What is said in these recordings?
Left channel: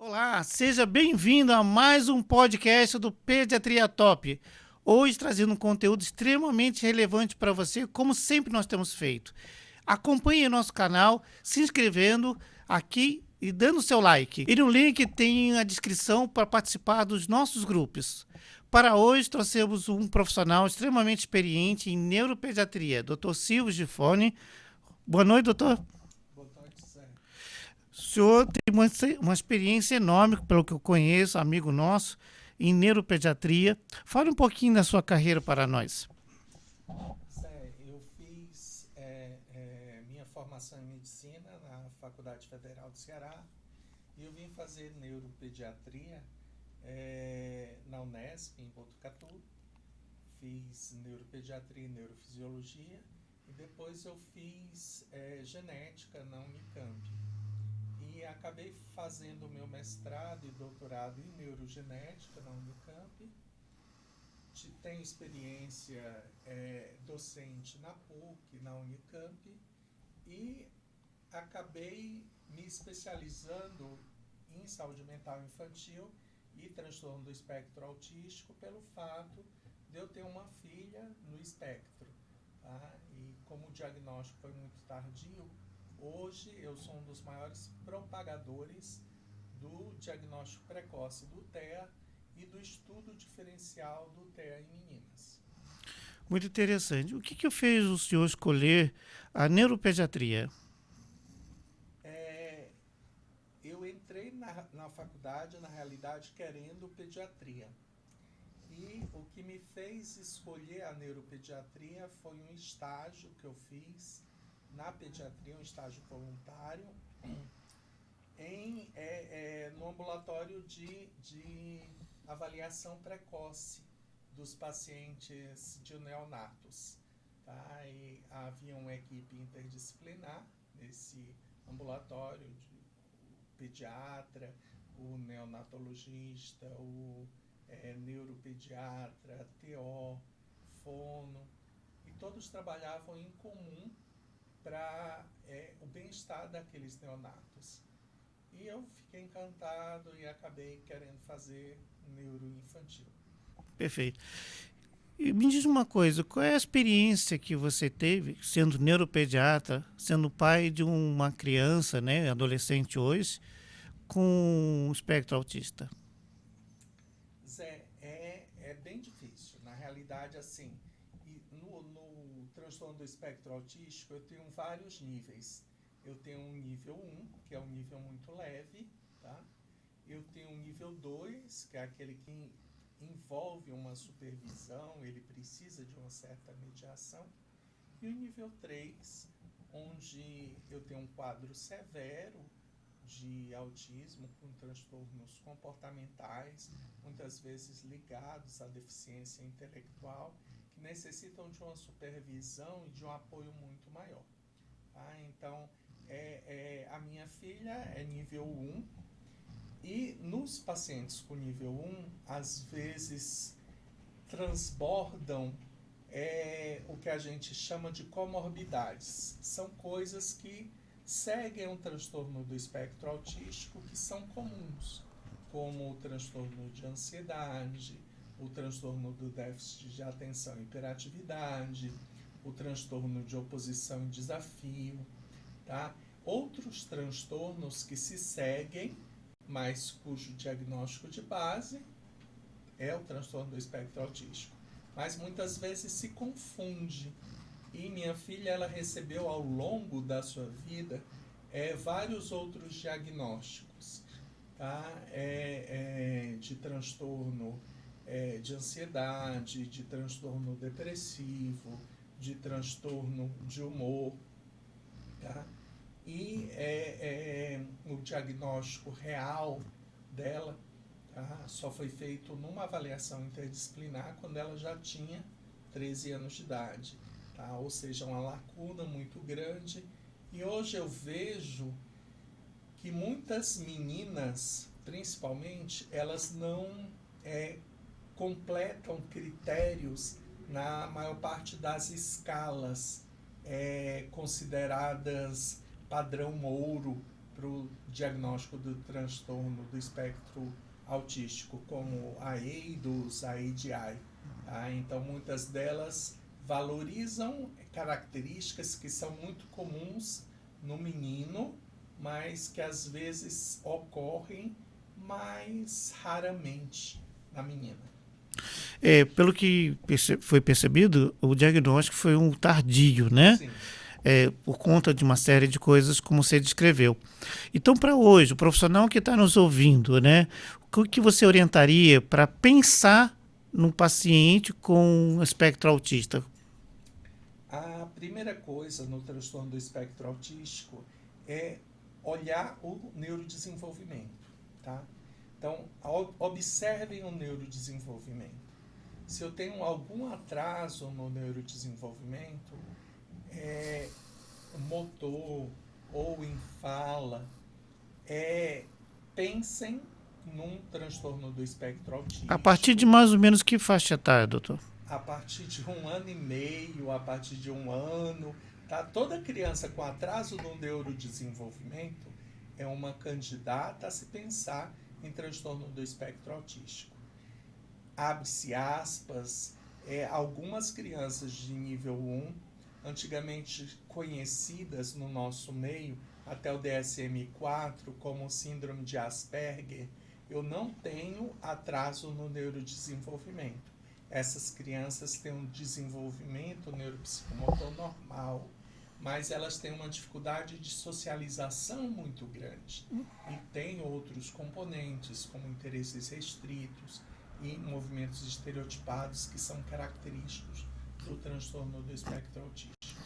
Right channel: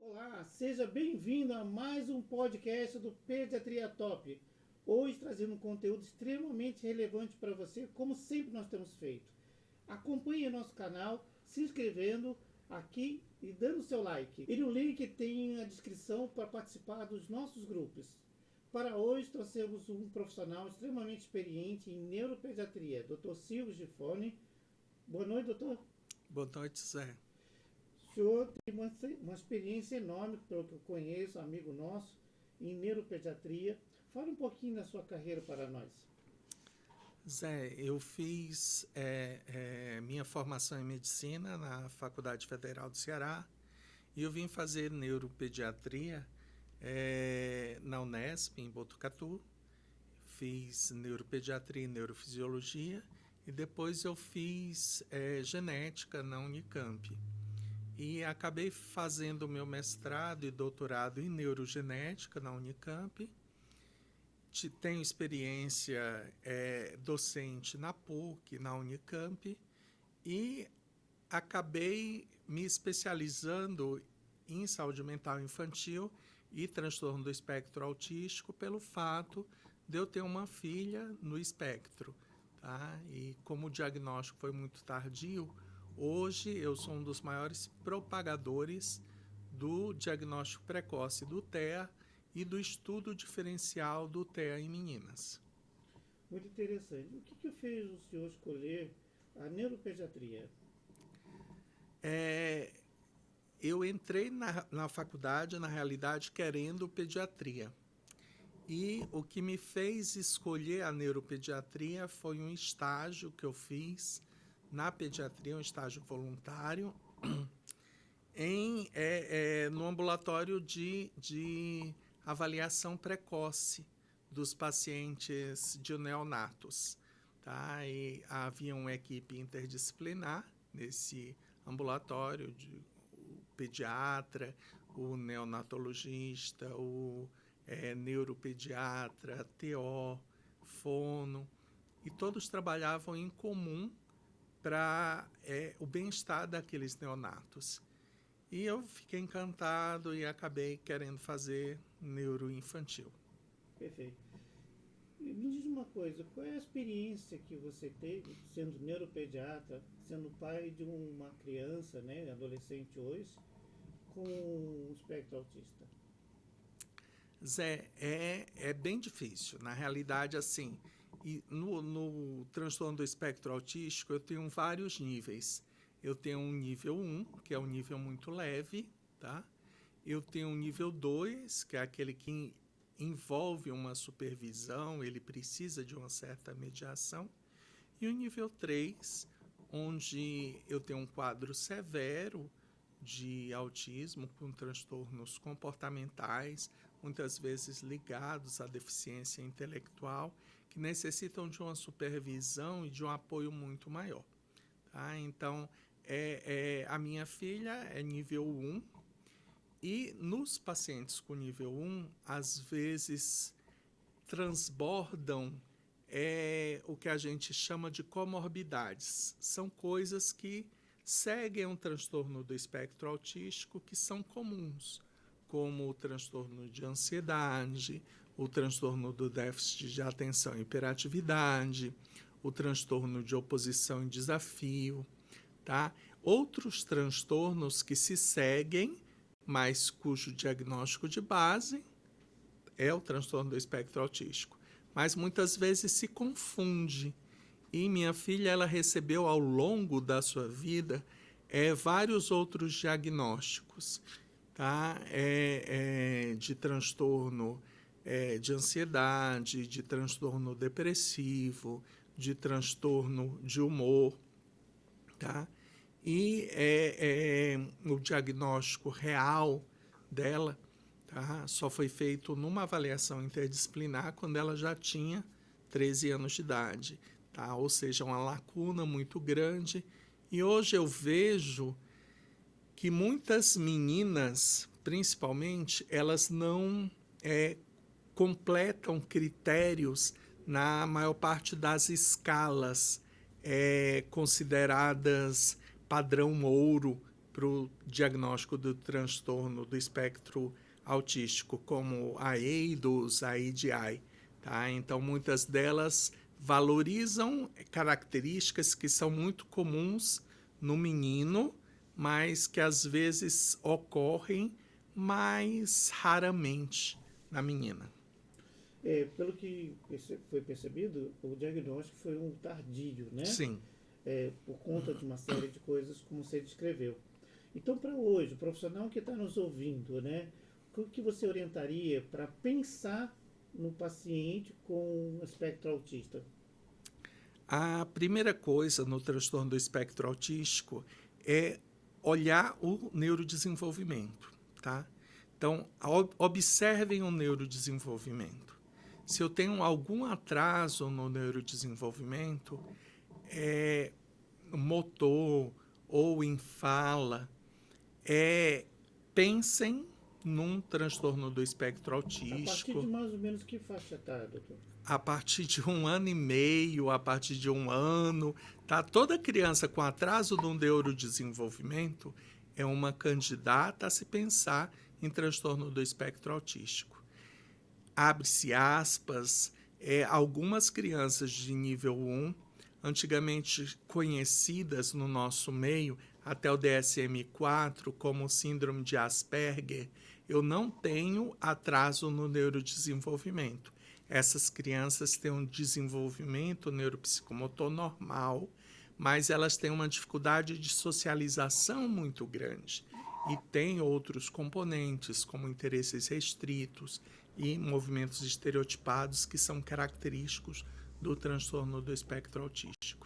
Olá, seja bem-vindo a mais um podcast do Pediatria Top. Hoje trazendo um conteúdo extremamente relevante para você, como sempre nós temos feito. Acompanhe nosso canal, se inscrevendo aqui e dando seu like. E no link tem a descrição para participar dos nossos grupos. Para hoje trouxemos um profissional extremamente experiente em neuropediatria, Dr. Silvio Gifone. Boa noite, doutor. Boa noite, Zé. O senhor tem uma experiência enorme, pelo que eu conheço, amigo nosso, em neuropediatria. Fale um pouquinho da sua carreira para nós. Zé, eu fiz minha formação em medicina na Faculdade Federal do Ceará e eu vim fazer neuropediatria na Unesp, em Botucatu. Fiz neuropediatria e neurofisiologia e depois eu fiz genética na Unicamp. E acabei fazendo o meu mestrado e doutorado em neurogenética na Unicamp. Tenho experiência docente na PUC, na Unicamp, e acabei me especializando em saúde mental infantil e transtorno do espectro autístico pelo fato de eu ter uma filha no espectro. Tá? E como o diagnóstico foi muito tardio, hoje eu sou um dos maiores propagadores do diagnóstico precoce do TEA e do estudo diferencial do TEA em meninas. Muito interessante. O que fez o senhor escolher a neuropediatria? Eu entrei na faculdade, na realidade, querendo pediatria. E o que me fez escolher a neuropediatria foi um estágio que eu fiz na pediatria, um estágio voluntário, no ambulatório de avaliação precoce dos pacientes de neonatos. Tá? E havia uma equipe interdisciplinar nesse ambulatório, o pediatra, o neonatologista, o neuropediatra, TO, fono, e todos trabalhavam em comum para o bem-estar daqueles neonatos. E eu fiquei encantado e acabei querendo fazer neuroinfantil. Perfeito. E me diz uma coisa, qual é a experiência que você teve sendo neuropediatra, sendo pai de uma criança, né, adolescente hoje, com espectro autista? Zé, é bem difícil. Na realidade, assim, no transtorno do espectro autístico, eu tenho vários níveis. Eu tenho um nível 1, que é um nível muito leve, tá? Eu tenho um nível 2, que é aquele que envolve uma supervisão, ele precisa de uma certa mediação. E o nível 3, onde eu tenho um quadro severo de autismo com transtornos comportamentais, muitas vezes ligados à deficiência intelectual, que necessitam de uma supervisão e de um apoio muito maior. Tá? Então, a minha filha é nível 1, e nos pacientes com nível 1, às vezes transbordam o que a gente chama de comorbidades. São coisas que seguem um transtorno do espectro autístico que são comuns, como o transtorno de ansiedade, o transtorno do déficit de atenção e hiperatividade, o transtorno de oposição e desafio, tá? Outros transtornos que se seguem, mas cujo diagnóstico de base é o transtorno do espectro autístico. Mas muitas vezes se confunde. E minha filha, ela recebeu ao longo da sua vida vários outros diagnósticos, tá? De transtorno de ansiedade, de transtorno depressivo, de transtorno de humor, tá? E o diagnóstico real dela, tá, só foi feito numa avaliação interdisciplinar quando ela já tinha 13 anos de idade. Tá? Ou seja, uma lacuna muito grande. E hoje eu vejo que muitas meninas, principalmente, elas não completam critérios na maior parte das escalas consideradas padrão ouro o diagnóstico do transtorno do espectro autístico, como a EIDOS, a ADI. Tá? Então, muitas delas valorizam características que são muito comuns no menino, mas que às vezes ocorrem mais raramente na menina. Pelo que foi percebido, o diagnóstico foi um tardio, né? Sim. Por conta de uma série de coisas como você descreveu. Então, para hoje, o profissional que está nos ouvindo, né? O que você orientaria para pensar num paciente com espectro autista? A primeira coisa no transtorno do espectro autístico é olhar o neurodesenvolvimento, tá? Então, observem o neurodesenvolvimento. Se eu tenho algum atraso no neurodesenvolvimento, motor ou em fala, pensem num transtorno do espectro autístico. A partir de mais ou menos que faixa etária, doutor? A partir de 1 ano e meio, a partir de 1 ano, tá? Toda criança com atraso no neurodesenvolvimento é uma candidata a se pensar em transtorno do espectro autístico. Abre-se aspas, algumas crianças de nível 1, antigamente conhecidas no nosso meio, até o DSM-4, como síndrome de Asperger, eu não tenho atraso no neurodesenvolvimento. Essas crianças têm um desenvolvimento neuropsicomotor normal, mas elas têm uma dificuldade de socialização muito grande e têm outros componentes, como interesses restritos e movimentos estereotipados que são característicos do transtorno do espectro autístico.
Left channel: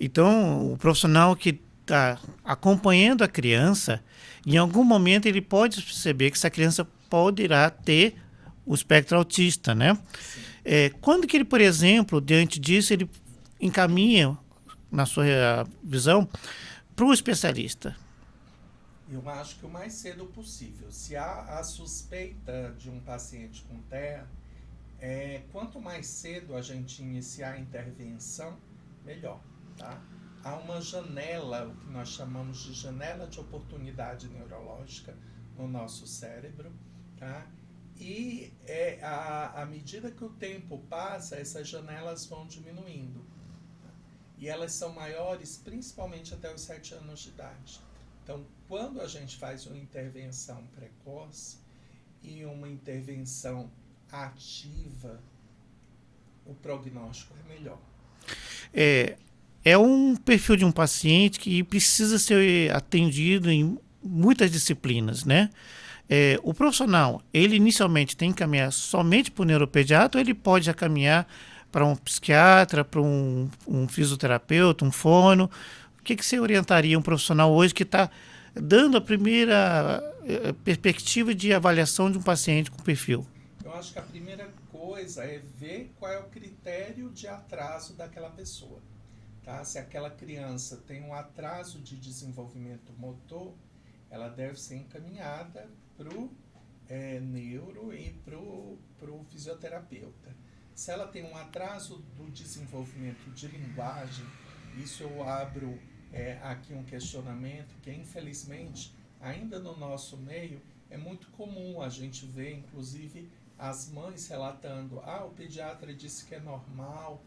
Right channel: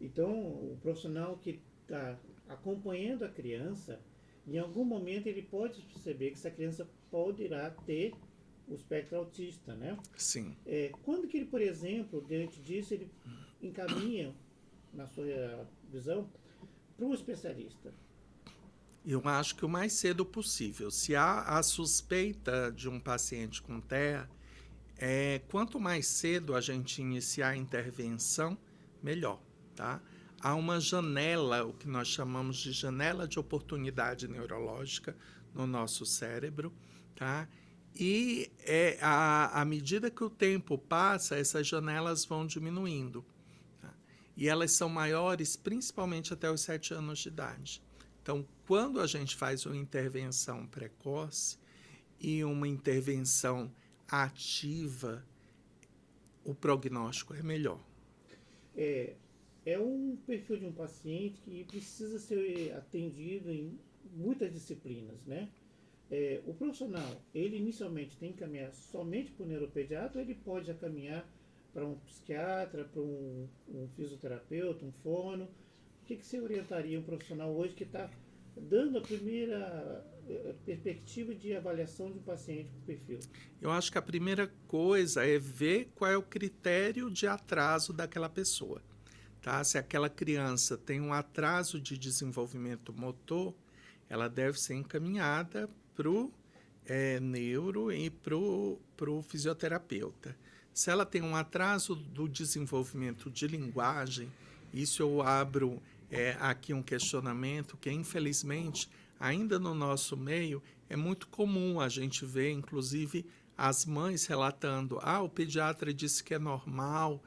Então, o profissional que está acompanhando a criança, em algum momento ele pode perceber que essa criança poderá ter o espectro autista, né? Sim. Quando que ele, por exemplo, diante disso, ele encaminha, na sua visão, para o especialista? Eu acho que o mais cedo possível. Se há a suspeita de um paciente com TEA, quanto mais cedo a gente iniciar a intervenção, melhor, tá? Há uma janela, o que nós chamamos de janela de oportunidade neurológica no nosso cérebro, tá? E à medida que o tempo passa, essas janelas vão diminuindo. Tá? E elas são maiores principalmente até os 7 anos de idade. Então, quando a gente faz uma intervenção precoce e uma intervenção ativa, o prognóstico é melhor. É um perfil de um paciente que precisa ser atendido em muitas disciplinas, né? O profissional, ele inicialmente tem que caminhar somente para o neuropediatra ou ele pode já caminhar para um psiquiatra, para um fisioterapeuta, um fono? O que você orientaria um profissional hoje que está dando a primeira perspectiva de avaliação de um paciente com perfil? Eu acho que a primeira coisa é ver qual é o critério de atraso daquela pessoa. Tá? Se aquela criança tem um atraso de desenvolvimento motor, ela deve ser encaminhada para o neuro e para o fisioterapeuta. Se ela tem um atraso do desenvolvimento de linguagem, isso eu abro aqui um questionamento que, infelizmente, ainda no nosso meio, é muito comum a gente ver, inclusive, as mães relatando: o pediatra disse que é normal,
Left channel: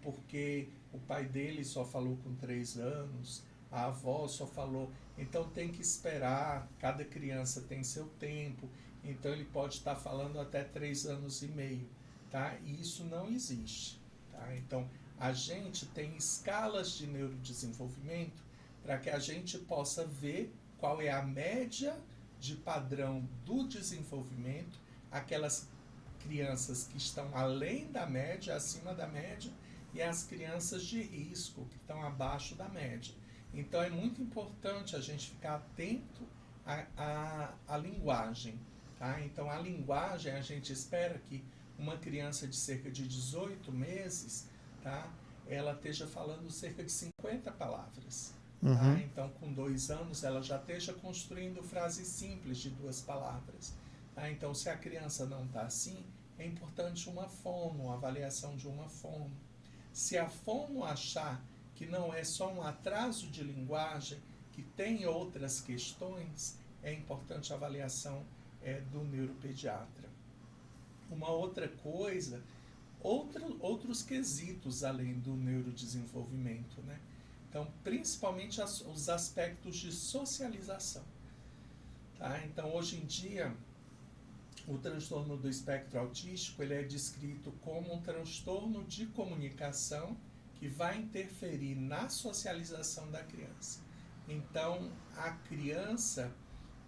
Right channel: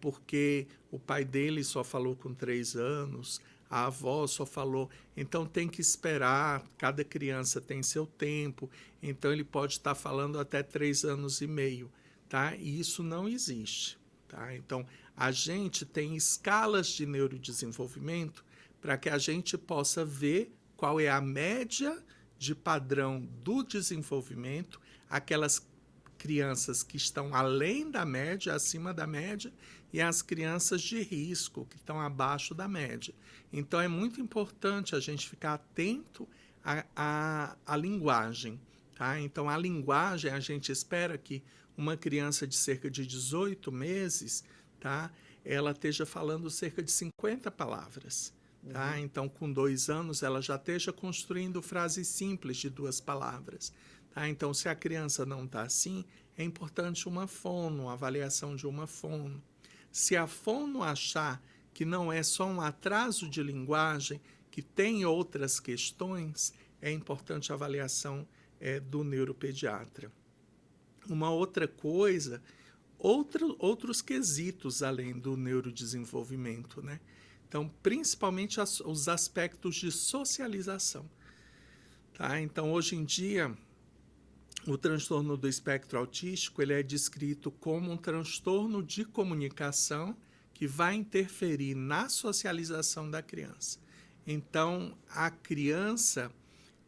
porque o pai dele só falou com 3 anos, a avó só falou. Então tem que esperar, cada criança tem seu tempo, então ele pode estar falando até 3 anos e meio, tá? E isso não existe, tá? Então a gente tem escalas de neurodesenvolvimento para que a gente possa ver qual é a média de padrão do desenvolvimento, aquelas crianças que estão além da média, acima da média, e as crianças de risco, que estão abaixo da média. Então, é muito importante a gente ficar atento à linguagem. Tá? Então, a linguagem, a gente espera que uma criança de cerca de 18 meses, tá? Ela esteja falando cerca de 50 palavras. Uhum. Tá? Então, com 2 anos, ela já esteja construindo frases simples de 2 palavras. Tá? Então, se a criança não está assim, é importante uma fono, uma avaliação de uma fono. Se a fono achar que não é só um atraso de linguagem, que tem outras questões, é importante a avaliação do neuropediatra. Uma outra coisa, outros quesitos além do neurodesenvolvimento, né? Então, principalmente os aspectos de socialização. Tá? Então, hoje em dia, o transtorno do espectro autístico ele é descrito como um transtorno de comunicação que vai interferir na socialização da criança. Então, a criança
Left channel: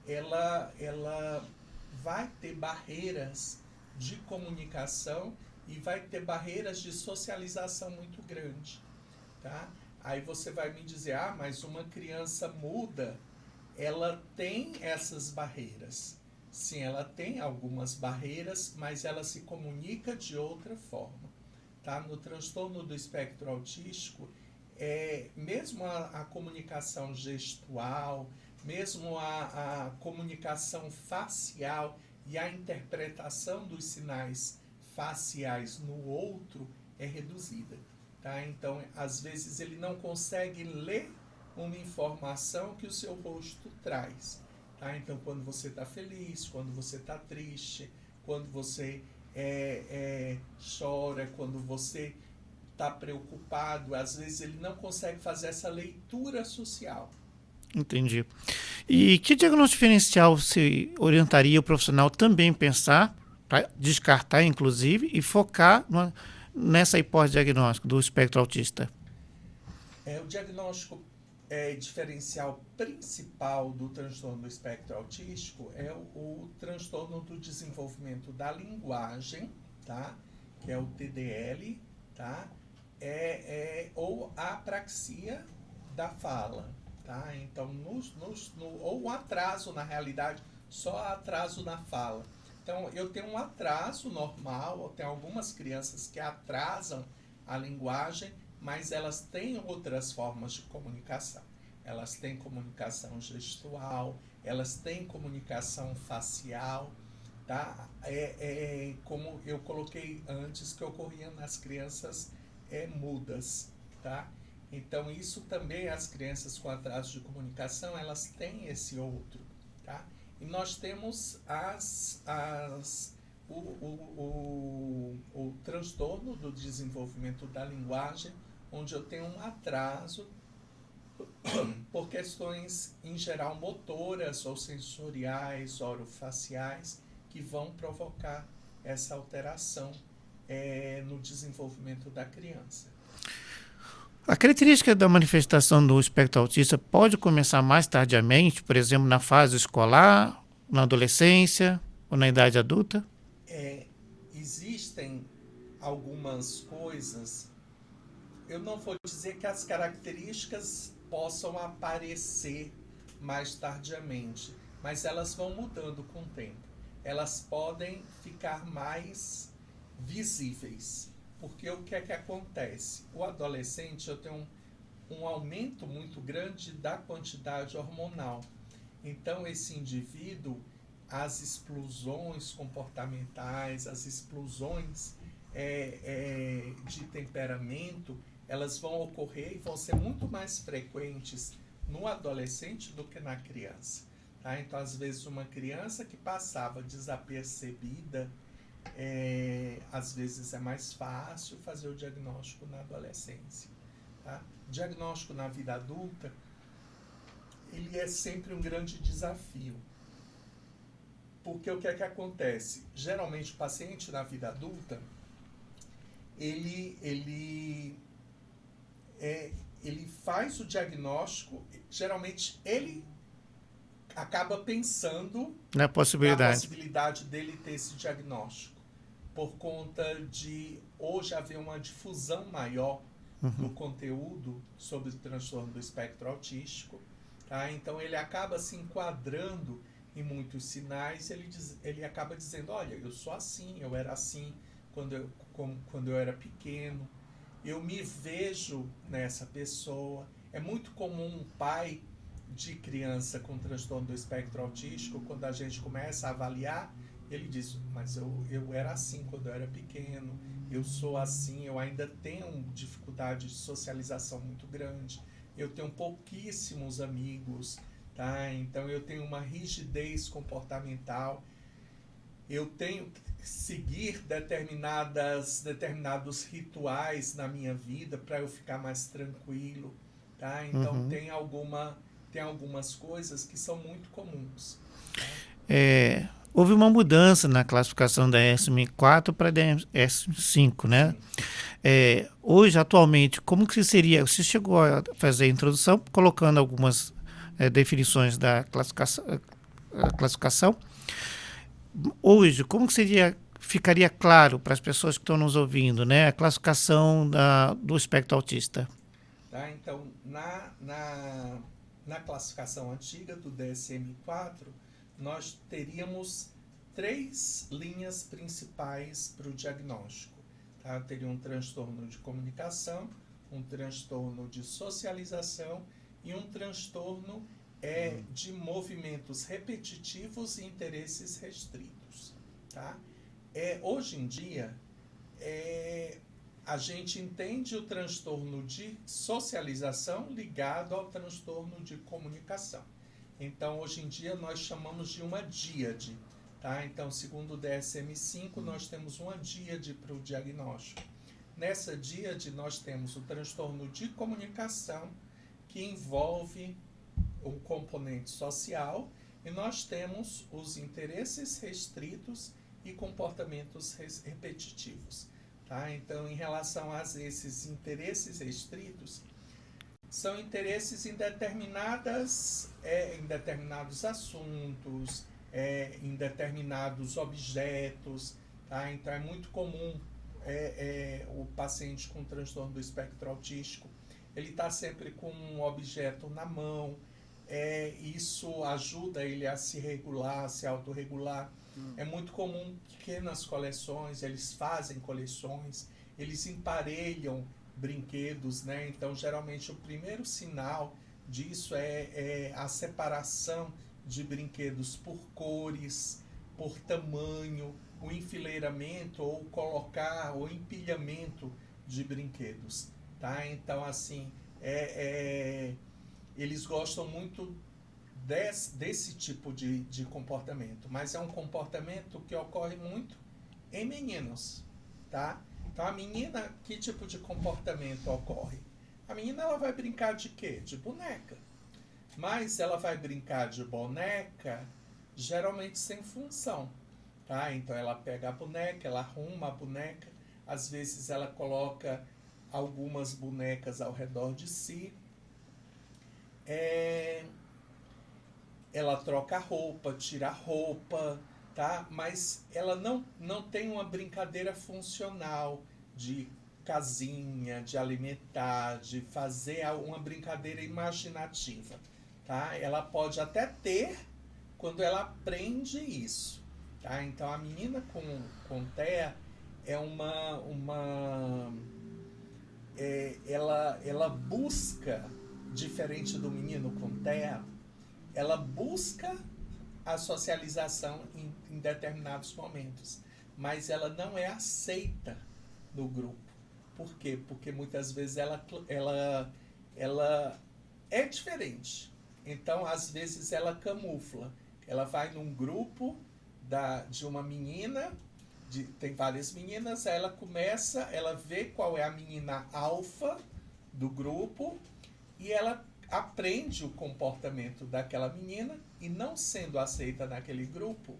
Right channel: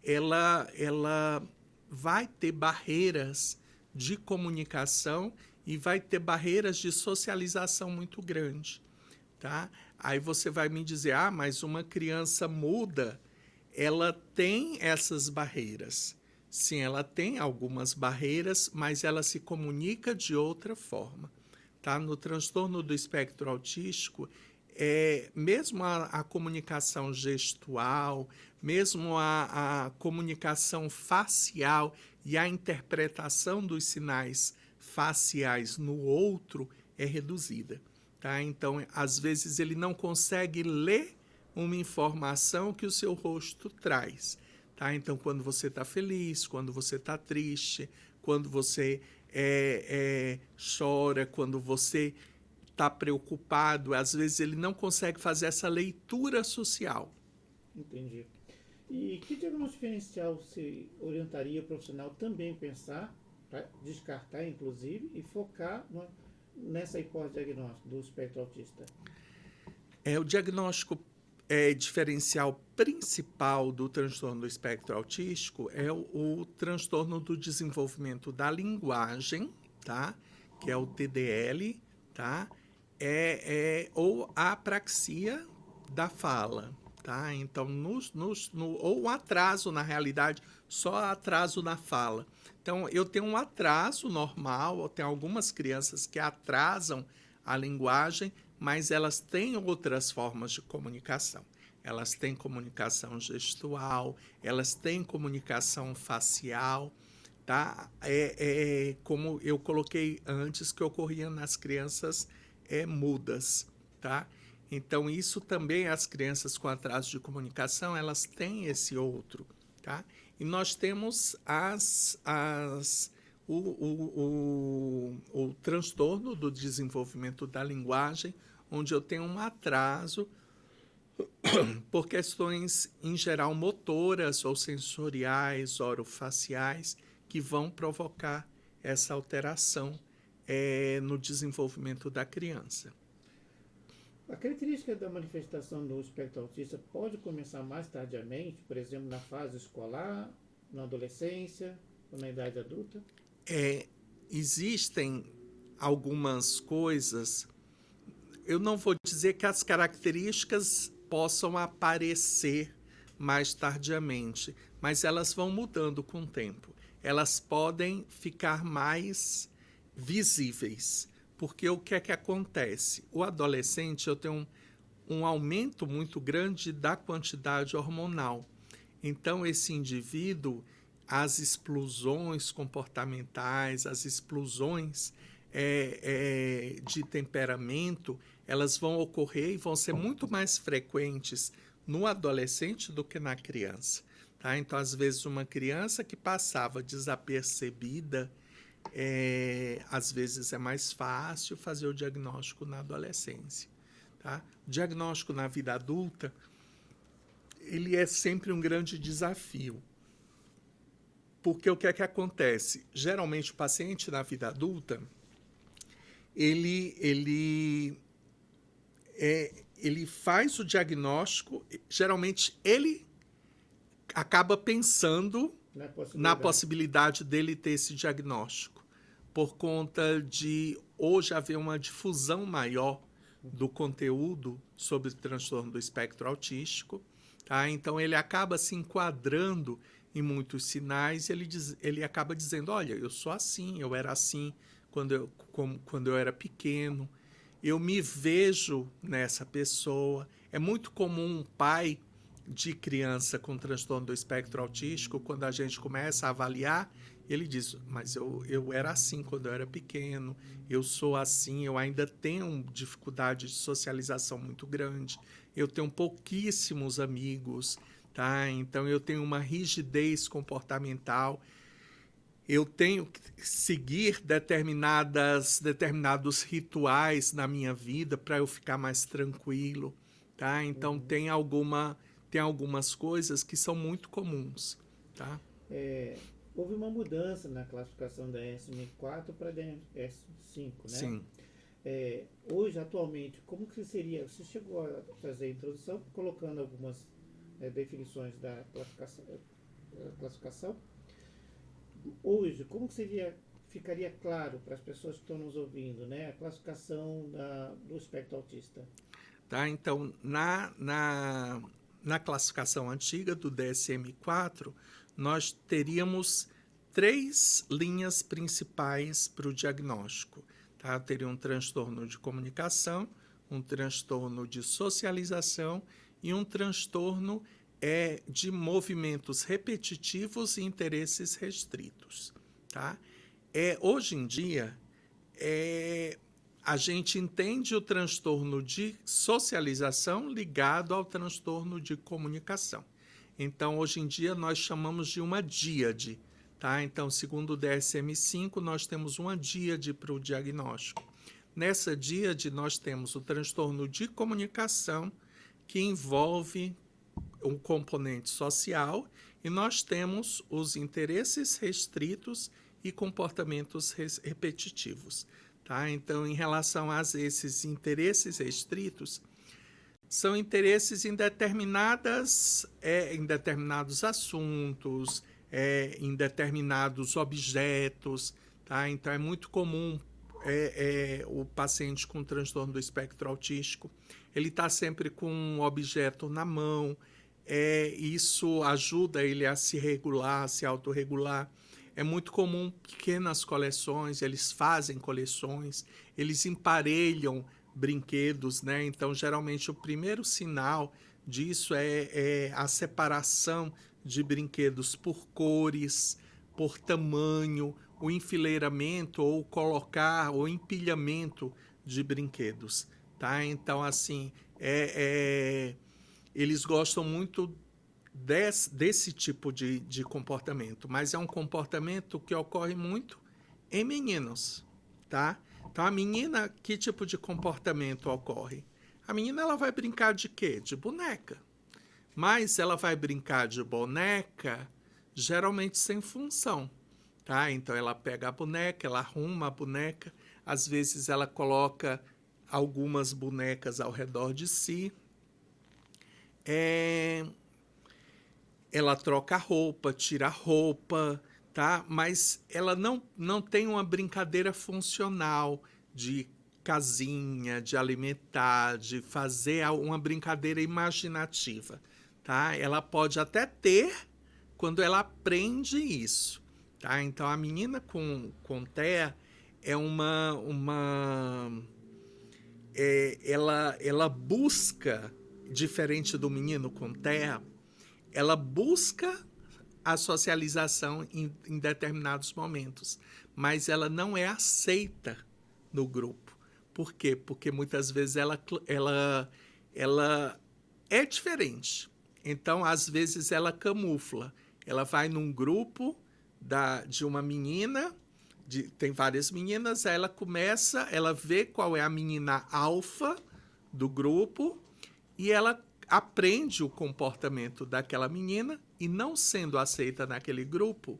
ela vai ter barreiras de comunicação e vai ter barreiras de socialização muito grandes. Tá? Aí você vai me dizer, mas uma criança muda, ela tem essas barreiras. Sim, ela tem algumas barreiras, mas ela se comunica de outra forma. Tá? No transtorno do espectro autístico, mesmo a comunicação gestual, mesmo a comunicação facial e a interpretação dos sinais faciais no outro é reduzida. Tá? Então, às vezes, ele não consegue ler uma informação que o seu rosto traz. Tá? Então, quando você está feliz, quando você está triste, quando você chora, quando você está preocupado, às vezes ele não consegue fazer essa leitura social. Entendi. E que diagnóstico diferencial você orientaria o profissional também pensar, para descartar, inclusive, e focar nessa hipótese diagnóstica do espectro autista? O diagnóstico diferencial principal do transtorno do espectro autístico é o transtorno do desenvolvimento da linguagem, tá? Que é o TDL, tá? Ou a apraxia da fala, tá? Então, ou um atraso, na realidade, só atraso na fala. Então, eu tenho um atraso normal, tem algumas crianças que atrasam a linguagem, mas elas têm outras formas de comunicação. Elas têm comunicação gestual, elas têm comunicação facial, tá? Como eu coloquei antes, que ocorria nas crianças mudas, tá? Então, isso também, as crianças com atraso de comunicação, elas têm esse outro, tá? E nós temos o transtorno do desenvolvimento da linguagem, onde eu tenho um atraso por questões, em geral, motoras ou sensoriais, orofaciais, que vão provocar essa alteração no desenvolvimento da criança. A característica da manifestação do espectro autista pode começar mais tardiamente, por exemplo, na fase escolar, na adolescência ou na idade adulta? Existem algumas coisas, eu não vou dizer que as características possam aparecer mais tardiamente, mas elas vão mudando com o tempo. Elas podem ficar mais visíveis. Porque o que é que acontece? O adolescente, eu tenho um aumento muito grande da quantidade hormonal. Então, esse indivíduo, as explosões comportamentais, as explosões de temperamento, elas vão ocorrer e vão ser muito mais frequentes no adolescente do que na criança. Tá? Então, às vezes, uma criança que passava desapercebida, às vezes é mais fácil fazer o diagnóstico na adolescência. Tá? Diagnóstico na vida adulta, ele é sempre um grande desafio. Porque o que é que acontece? Geralmente o paciente na vida adulta, ele faz o diagnóstico, geralmente ele acaba pensando na possibilidade dele ter esse diagnóstico, por conta de hoje haver uma difusão maior do conteúdo sobre o transtorno do espectro autístico. Tá? Então, ele acaba se enquadrando em muitos sinais, ele acaba dizendo, olha, eu sou assim, eu era assim quando eu era pequeno, eu me vejo nessa pessoa. É muito comum um pai de criança com transtorno do espectro autístico, quando a gente começa a avaliar, ele diz, mas eu era assim quando eu era pequeno, eu sou assim, eu ainda tenho dificuldade de socialização muito grande, eu tenho pouquíssimos amigos, tá? Então eu tenho uma rigidez comportamental, eu tenho que seguir determinados rituais na minha vida para eu ficar mais tranquilo, tá? Então tem algumas coisas que são muito comuns, tá? Houve uma mudança na classificação da SM4 para a SM5, né? Sim. Hoje, atualmente, como que seria? Você chegou a fazer a introdução, colocando algumas definições da classificação. Hoje, como que ficaria claro para as pessoas que estão nos ouvindo, né, a classificação do espectro autista? Tá? Então, na classificação antiga do DSM-4, nós teríamos 3 linhas principais para o diagnóstico. Tá? Teria um transtorno de comunicação, um transtorno de socialização e um transtorno de movimentos repetitivos e interesses restritos. Tá? Hoje em dia, a gente entende o transtorno de socialização ligado ao transtorno de comunicação. Então, hoje em dia, nós chamamos de uma díade. Tá? Então, segundo o DSM-5, nós temos uma díade para o diagnóstico. Nessa díade, nós temos o transtorno de comunicação, que envolve um componente social, e nós temos os interesses restritos e comportamentos repetitivos. Tá? Então, em relação a esses interesses restritos, são interesses em determinados assuntos, em determinados objetos. Tá? Então, é muito comum o paciente com transtorno do espectro autístico, ele está sempre com um objeto na mão, isso ajuda ele a se regular, a se autorregular. É muito comum pequenas coleções, eles fazem coleções, eles emparelham brinquedos, né? Então, geralmente, o primeiro sinal disso é a separação de brinquedos por cores, por tamanho, o enfileiramento ou colocar o empilhamento de brinquedos, tá? Então, assim, eles gostam muito desse tipo de comportamento, mas é um comportamento que ocorre muito em meninos, tá? Então, a menina, que tipo de comportamento ocorre? A menina, ela vai brincar de quê? De boneca. Mas ela vai brincar de boneca, geralmente sem função, tá? Então, ela pega a boneca, ela arruma a boneca, às vezes ela coloca algumas bonecas ao redor de si, ela troca roupa, tira roupa, tá? Mas ela não tem uma brincadeira funcional de casinha, de alimentar, de fazer uma brincadeira imaginativa, tá? Ela pode até ter quando ela aprende isso, tá? Então, a menina com TEA ela busca, diferente do menino com TEA, ela busca a socialização em determinados momentos, mas ela não é aceita no grupo. Por quê? Porque muitas vezes ela é diferente. Então, às vezes, ela camufla. Ela vai num grupo de uma menina, tem várias meninas, aí ela vê qual é a menina alfa do grupo e ela aprende o comportamento daquela menina e, não sendo aceita naquele grupo,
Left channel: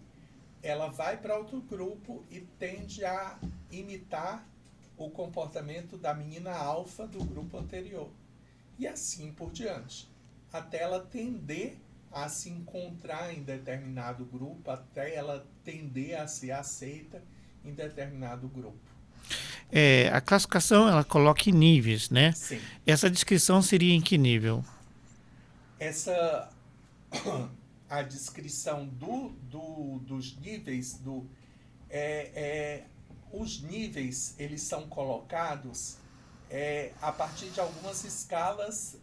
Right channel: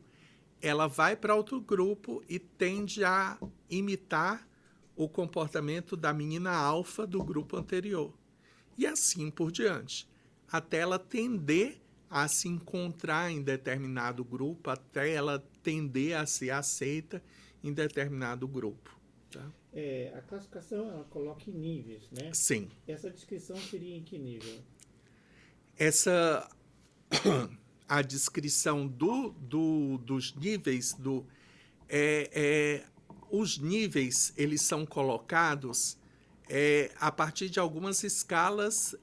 ela vai para outro grupo e tende a imitar o comportamento da menina alfa do grupo anterior. E assim por diante, até ela tender a se encontrar em determinado grupo, até ela tender a ser aceita em determinado grupo. A classificação, ela coloca em níveis, né? Sim. Essa descrição seria em que nível? A descrição dos níveis os níveis, eles são colocados a partir de algumas escalas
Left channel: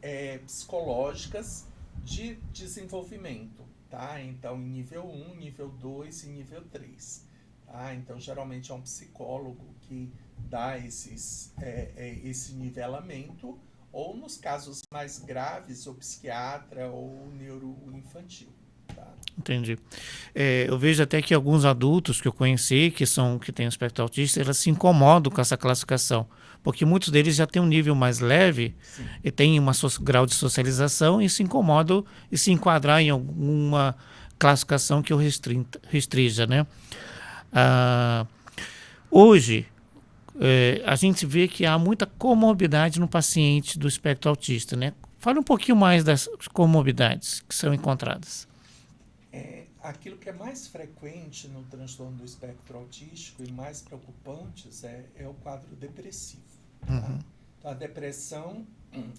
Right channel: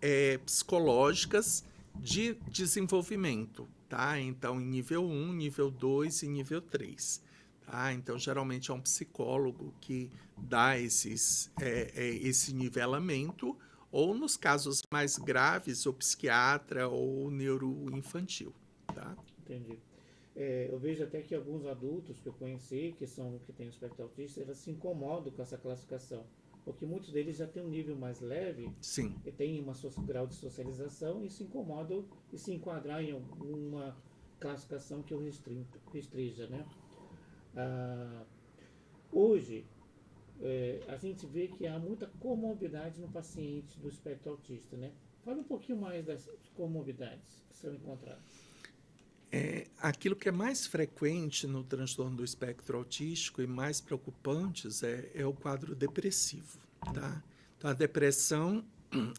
psicológicas de desenvolvimento, tá? Então, em nível 1, nível 2 e nível 3. Tá? Então, geralmente é um psicólogo que dá esse nivelamento, ou nos casos mais graves, o psiquiatra ou o neuroinfantil. Tá? Entendi. Eu vejo até que alguns adultos que eu conheci, que têm espectro autista, eles se incomodam com essa classificação, porque muitos deles já têm um nível mais leve Sim. e têm um grau de socialização e se incomodam e se enquadrar em alguma classificação que eu restrija, né? Hoje, a gente vê que há muita comorbidade no paciente do espectro autista, né? Fale um pouquinho mais das comorbidades que são encontradas. Aquilo que é mais frequente no transtorno do espectro autístico e mais preocupantes é o quadro depressivo. Tá? Então, a depressão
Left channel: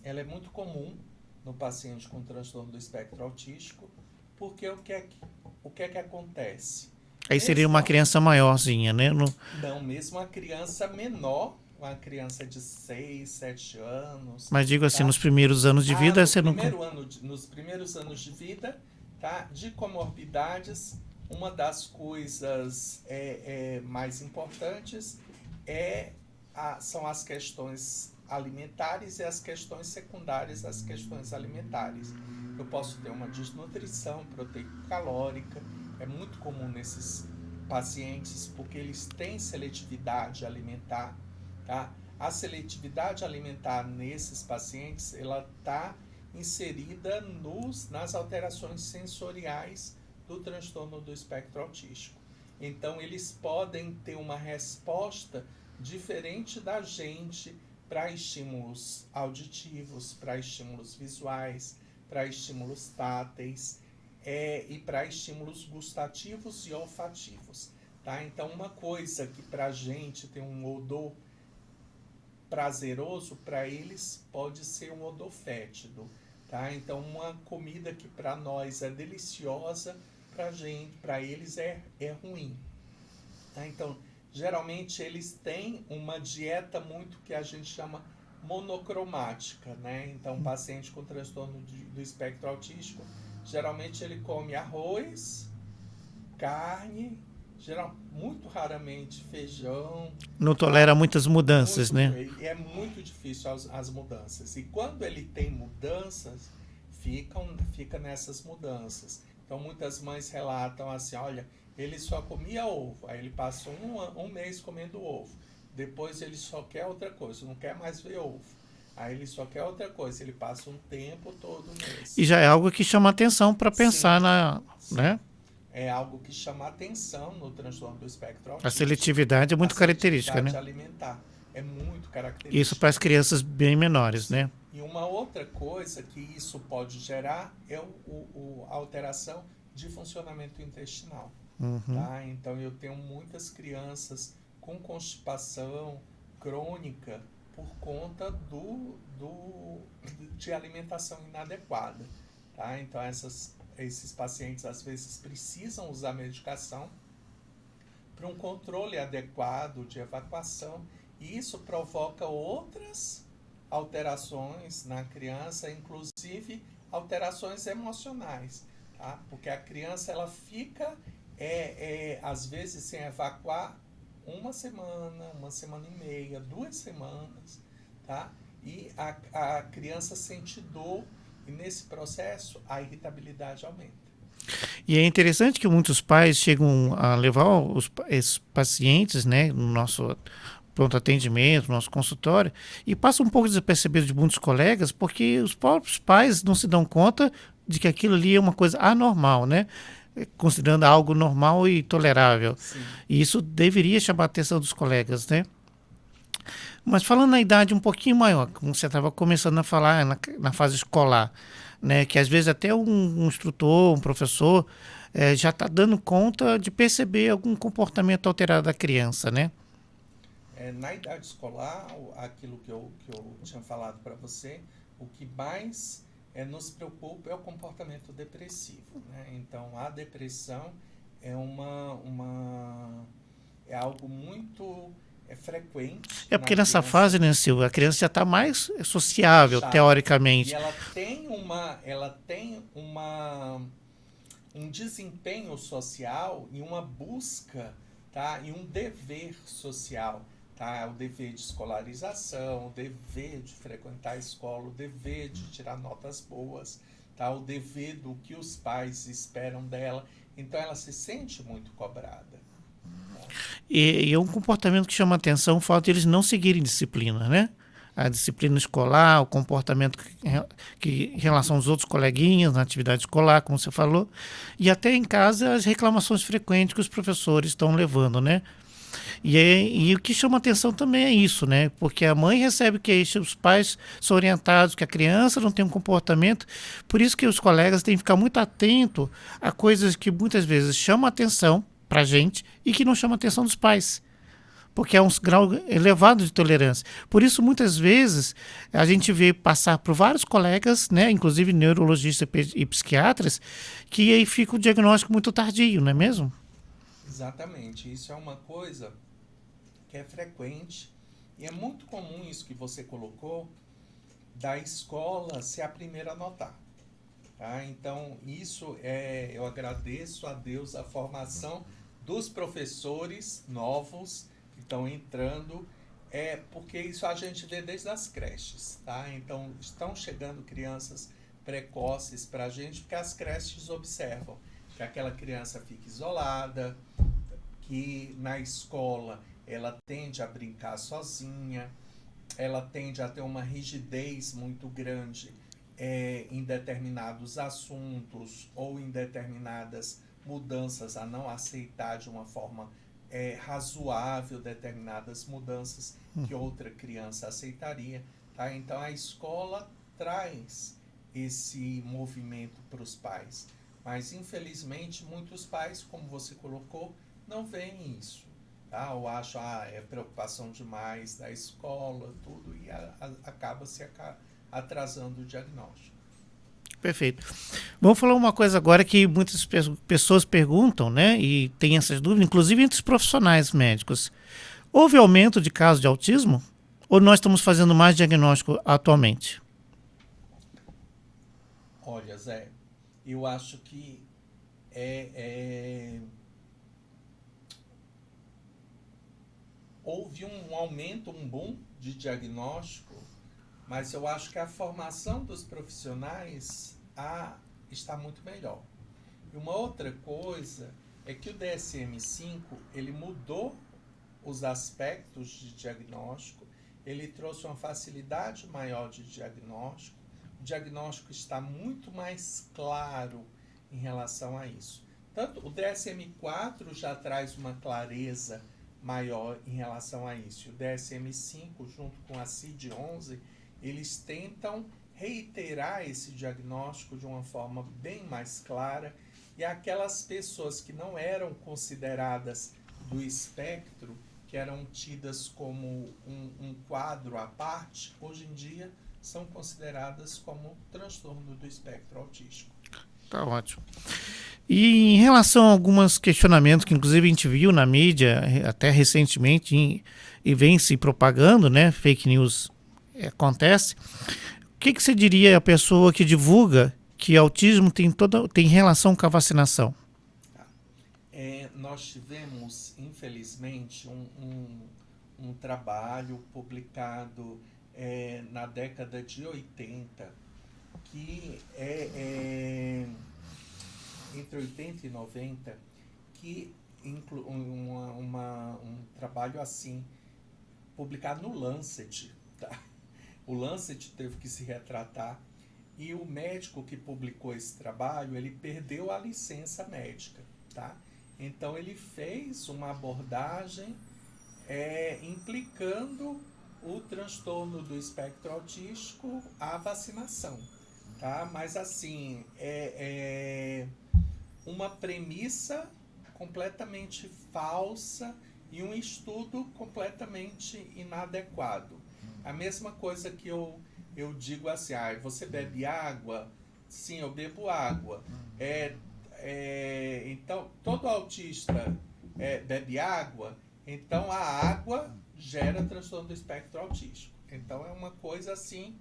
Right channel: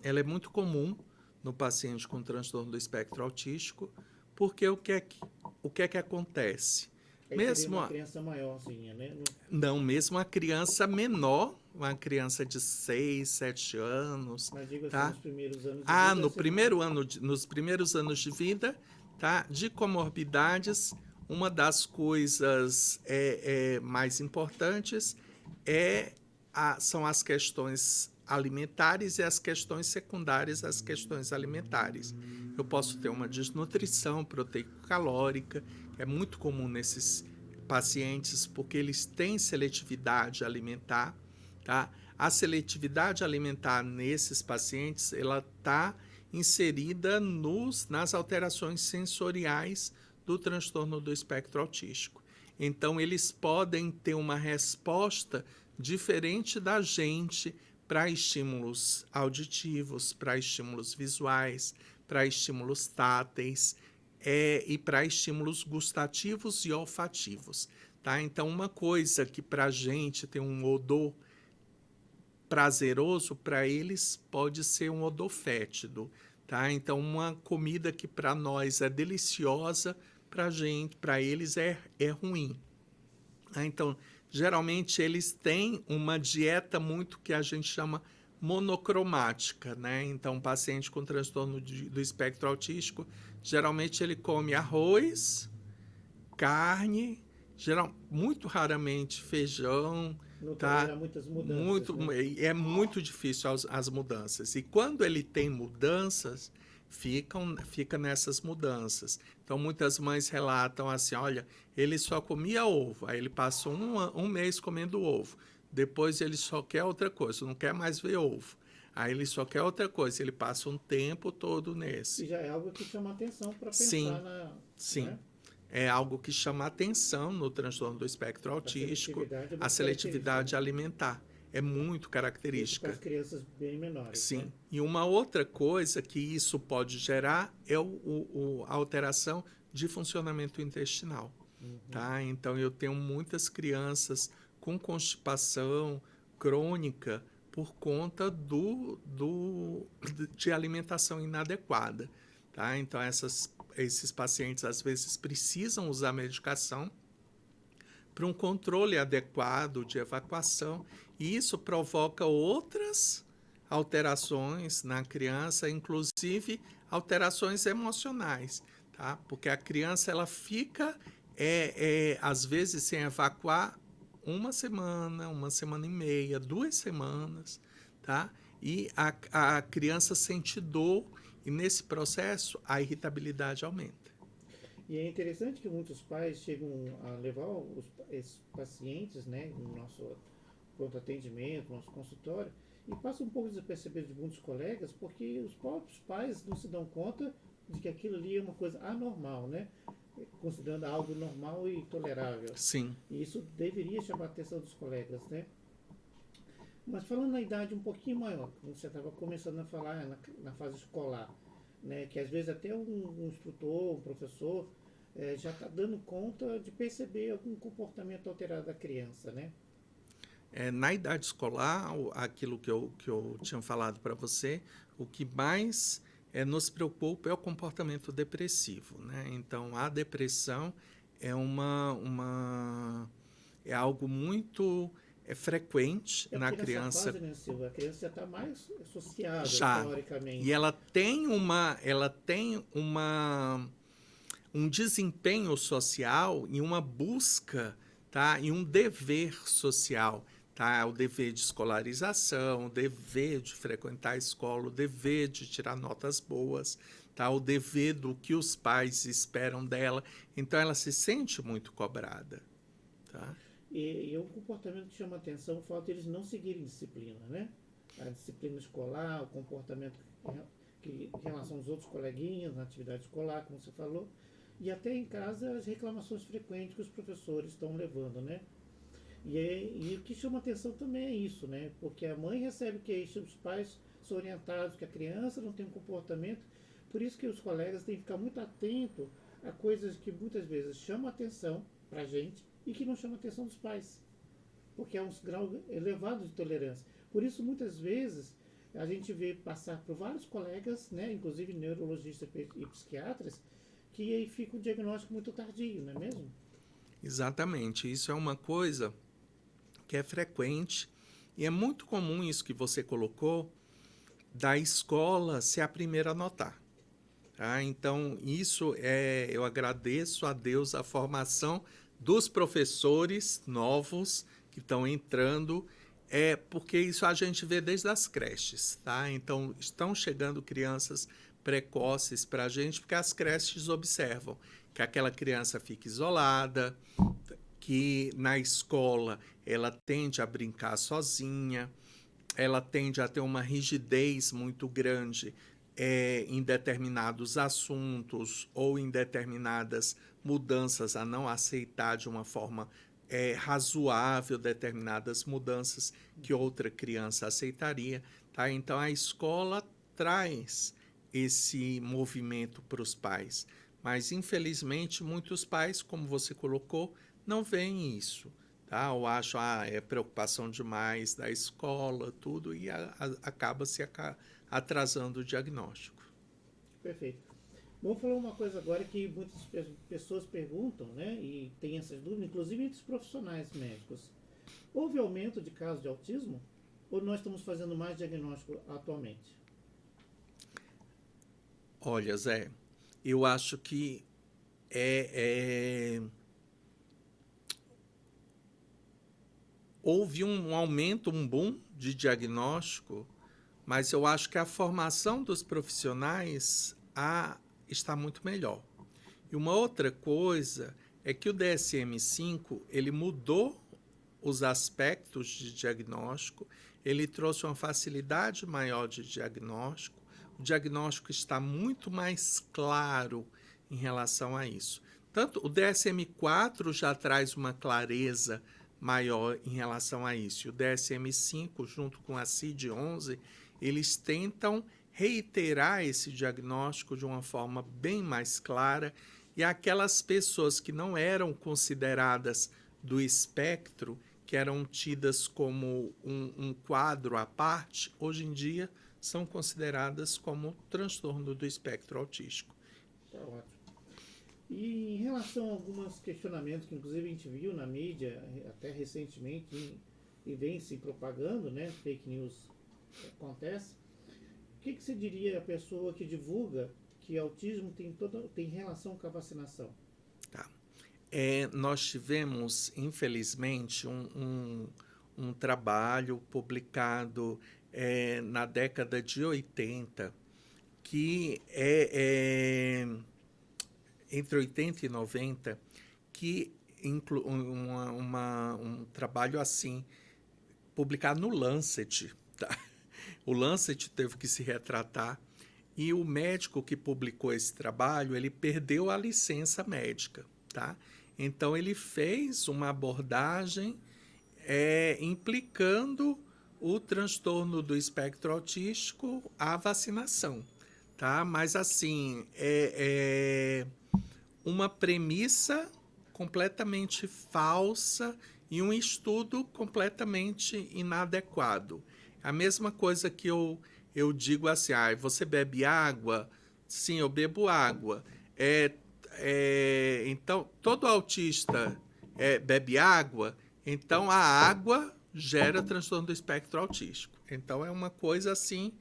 ela é muito comum no paciente com transtorno do espectro autístico, porque o que é que acontece? Aí seria uma criança maiorzinha, né? Não, mesmo a criança menor, uma criança de 6, 7 anos. Mas digo assim, tá? nos primeiros anos de vida... Nos primeiros anos de vida, tá? De comorbidades, uma das coisas mais importantes são as questões alimentares e as questões secundárias às questões alimentares. Eu posso ter uma desnutrição proteico-calórica, é muito comum nesses pacientes porque eles têm seletividade alimentar, tá? A seletividade alimentar nesses pacientes, ela está inserida nas alterações sensoriais do transtorno do espectro autístico. Então, eles podem ter uma resposta diferente da gente para estímulos auditivos, para estímulos visuais, para estímulos táteis e para estímulos gustativos e olfativos. Tá? Então, uma coisa que para a gente tem um odor prazeroso, para eles pode ser um odor fétido. Tá? Então, uma comida que para nós é deliciosa, para eles é ruim. Tá? Então, geralmente eles têm uma dieta muito que a gente chama monocromática, né? Então, o paciente com transtorno do espectro autístico, geralmente ele come arroz, carne, muito raramente feijão. Não tolera muitas mudanças, né? É muito difícil as mudanças. E quando ele tem mudanças, fica nessas mudanças. Então, muitas mães relatam assim, olha, ele só comia ovo, aí ele passou um mês comendo ovo, depois ele só quer outra coisa, não quer mais ver ovo, aí ele só quer outra coisa, ele passa um tempo todo nesse. E já é algo que chama atenção para pensar sim. né? É algo que chama atenção no transtorno do espectro autístico. A seletividade é muito característica, né? A seletividade alimentar é muito característica. Isso para as crianças bem menores, sim. né? E uma outra coisa que isso pode gerar é a alteração de funcionamento intestinal. Tá? Então, eu tenho muitas crianças com constipação crônica por conta de alimentação inadequada. Tá? Então, esses pacientes, às vezes, precisam usar medicação para um controle adequado de evacuação, e isso provoca outras alterações na criança, inclusive alterações emocionais, tá? Porque a criança ela fica, às vezes, sem evacuar uma semana e meia, 2 semanas, tá? E a criança sente dor, e nesse processo a irritabilidade aumenta. E é interessante que muitos pais chegam a levar esses pacientes, né, no nosso pronto atendimento, no nosso consultório, e passa um pouco desapercebido de muitos colegas, porque os próprios pais não se dão conta de que aquilo ali é uma coisa anormal, né? Considerando algo normal e tolerável. Sim. E isso deveria chamar a atenção dos colegas, né? Mas falando na idade um pouquinho maior, como você estava começando a falar na fase escolar, né, que às vezes até um instrutor, um professor, já está dando conta de perceber algum comportamento alterado da criança, né? Na idade escolar, aquilo que eu tinha falado para você, o que mais nos preocupa é o comportamento depressivo, né? Então, a depressão é algo muito frequente. É porque nessa fase, né, Silvia, a criança já está mais sociável, teoricamente. E ela tem um desempenho social e uma busca, tá? E um dever social. tá? O dever de escolarização, o dever de frequentar a escola, o dever de tirar notas boas, tá? O dever do que os pais esperam dela. Então, ela se sente muito cobrada. Tá? E é um comportamento que chama atenção o fato de eles não seguirem disciplina, né? A disciplina escolar, o comportamento em relação aos outros coleguinhas na atividade escolar, como você falou, e até em casa as reclamações frequentes que os professores estão levando, né? E o que chama atenção também é isso, né? Porque a mãe recebe queixa, os pais são orientados que a criança não tem um comportamento, por isso que os colegas têm que ficar muito atento a coisas que muitas vezes chamam atenção para a gente e que não chamam atenção dos pais, porque é um grau elevado de tolerância. Por isso, muitas vezes, a gente vê passar por vários colegas, né, inclusive neurologistas e psiquiatras, que aí fica o diagnóstico muito tardio, não é mesmo? Exatamente. Isso é uma coisa que é frequente e é muito comum isso que você colocou, da escola ser a primeira a notar. Tá? Então, eu agradeço a Deus a formação dos professores novos que estão entrando, porque isso a gente vê desde as creches, tá? Então, estão chegando crianças precoces para a gente, porque as creches observam que aquela criança fica isolada, que na escola ela tende a brincar sozinha, ela tende a ter uma rigidez muito grande em determinados assuntos ou em determinadas mudanças, a não aceitar de uma forma razoável determinadas mudanças que outra criança aceitaria. Tá? Então, a escola traz esse movimento para os pais. Mas, infelizmente, muitos pais, como você colocou, não veem isso. Tá? Ou acham, é preocupação demais da escola, tudo, e acaba se atrasando o diagnóstico. Perfeito. Vamos falar uma coisa agora que muitas pessoas perguntam, né? E tem essas dúvidas, inclusive entre os profissionais médicos. Houve aumento de casos de autismo? Ou nós estamos fazendo mais diagnóstico atualmente? Olha, Zé, eu acho que houve um aumento, um boom de diagnóstico, mas eu acho que a formação dos profissionais está muito melhor. E uma outra coisa é que o DSM-5 ele mudou os aspectos de diagnóstico, ele trouxe uma facilidade maior de diagnóstico, o diagnóstico está muito mais claro em relação a isso. Tanto o DSM-4 já traz uma clareza maior em relação a isso. E o DSM-5, junto com a CID-11, eles tentam reiterar esse diagnóstico de uma forma bem mais clara, e aquelas pessoas que não eram consideradas do espectro, que eram tidas como um quadro à parte, hoje em dia são consideradas como transtorno do espectro autístico. Tá ótimo. E em relação a alguns questionamentos que inclusive a gente viu na mídia até recentemente e vem se propagando, né? Fake news acontece. O que você diria à pessoa que divulga que autismo tem relação com a vacinação? Tá. Nós tivemos, infelizmente, um trabalho publicado na década de 80, que entre 80 e 90, que um trabalho assim, publicado no Lancet. Tá? O Lancet teve que se retratar, e o médico que publicou esse trabalho, ele perdeu a licença médica. Tá? Então, ele fez uma abordagem implicando o transtorno do espectro autístico à vacinação. Tá? Mas, assim, uma premissa completamente falsa e um estudo completamente inadequado. A mesma coisa que eu digo assim, você bebe água? Sim, eu bebo água. Então, todo autista bebe água, então a água gera transtorno do espectro autístico. Então, é uma coisa assim,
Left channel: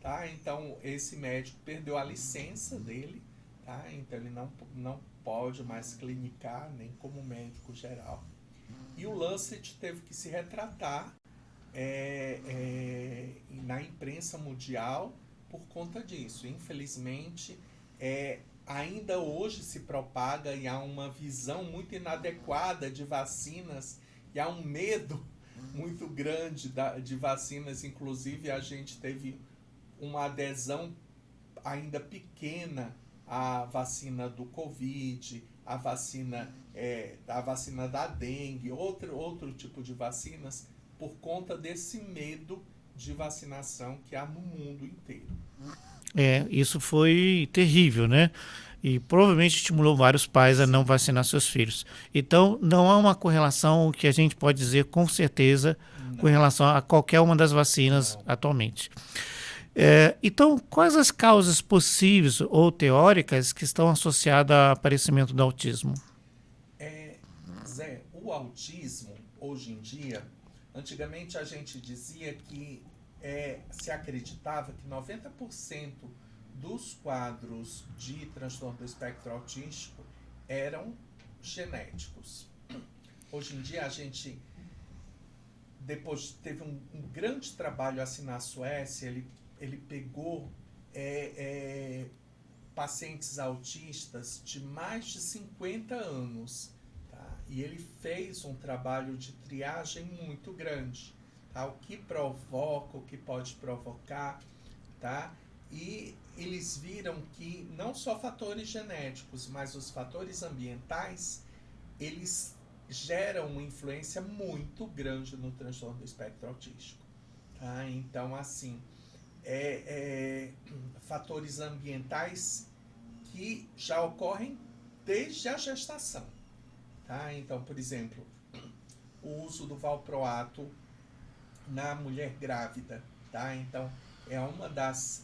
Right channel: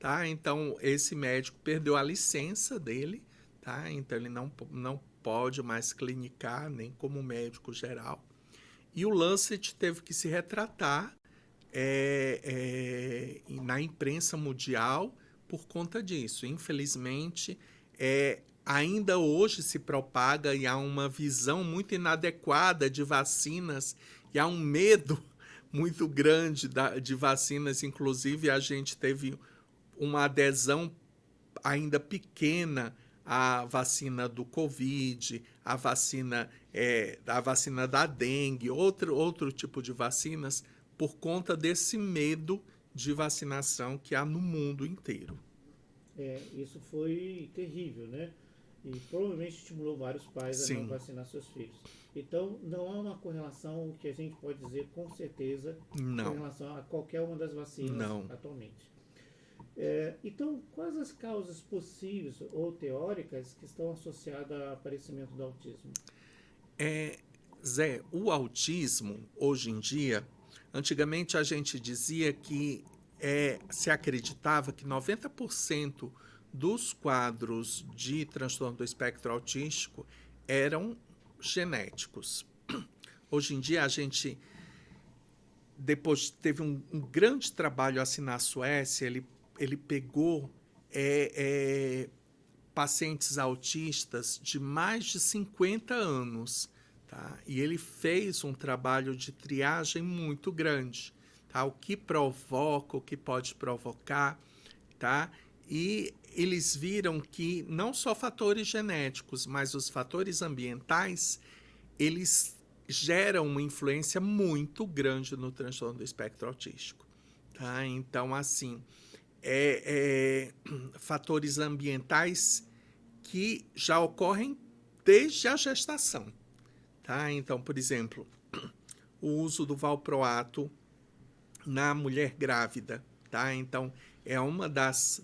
tá? Então, esse médico perdeu a licença dele, tá? Então, ele não pode mais clinicar, nem como médico geral. E o Lancet teve que se retratar na imprensa mundial por conta disso. Infelizmente, ainda hoje se propaga e há uma visão muito inadequada de vacinas e há um medo muito grande de vacinas. Inclusive, a gente teve uma adesão ainda pequena à vacina do Covid, à vacina da dengue, outro tipo de vacinas, por conta desse medo de vacinação que há no mundo inteiro. Isso foi terrível, né? E provavelmente estimulou vários pais a não vacinar seus filhos. Então, não há uma correlação que a gente pode dizer com certeza com relação a qualquer uma das vacinas atualmente. Então, quais as causas possíveis ou teóricas que estão associadas ao aparecimento do autismo? Zé, o autismo, hoje em dia, antigamente a gente dizia que se acreditava que 90% dos quadros de transtorno do espectro autístico eram genéticos. Hoje em dia, a gente, depois teve um grande trabalho assim na Suécia, ele pegou pacientes autistas de mais de 50 anos, tá? E ele fez um trabalho de triagem muito grande, tá? O que provoca, o que pode provocar, tá? E eles viram que não só fatores genéticos, mas os fatores ambientais, eles geram uma influência muito grande no transtorno do espectro autístico, tá? Então, assim, fatores ambientais que já ocorrem desde a gestação, tá? Então, por exemplo, o uso do valproato na mulher grávida, tá? Então, é uma das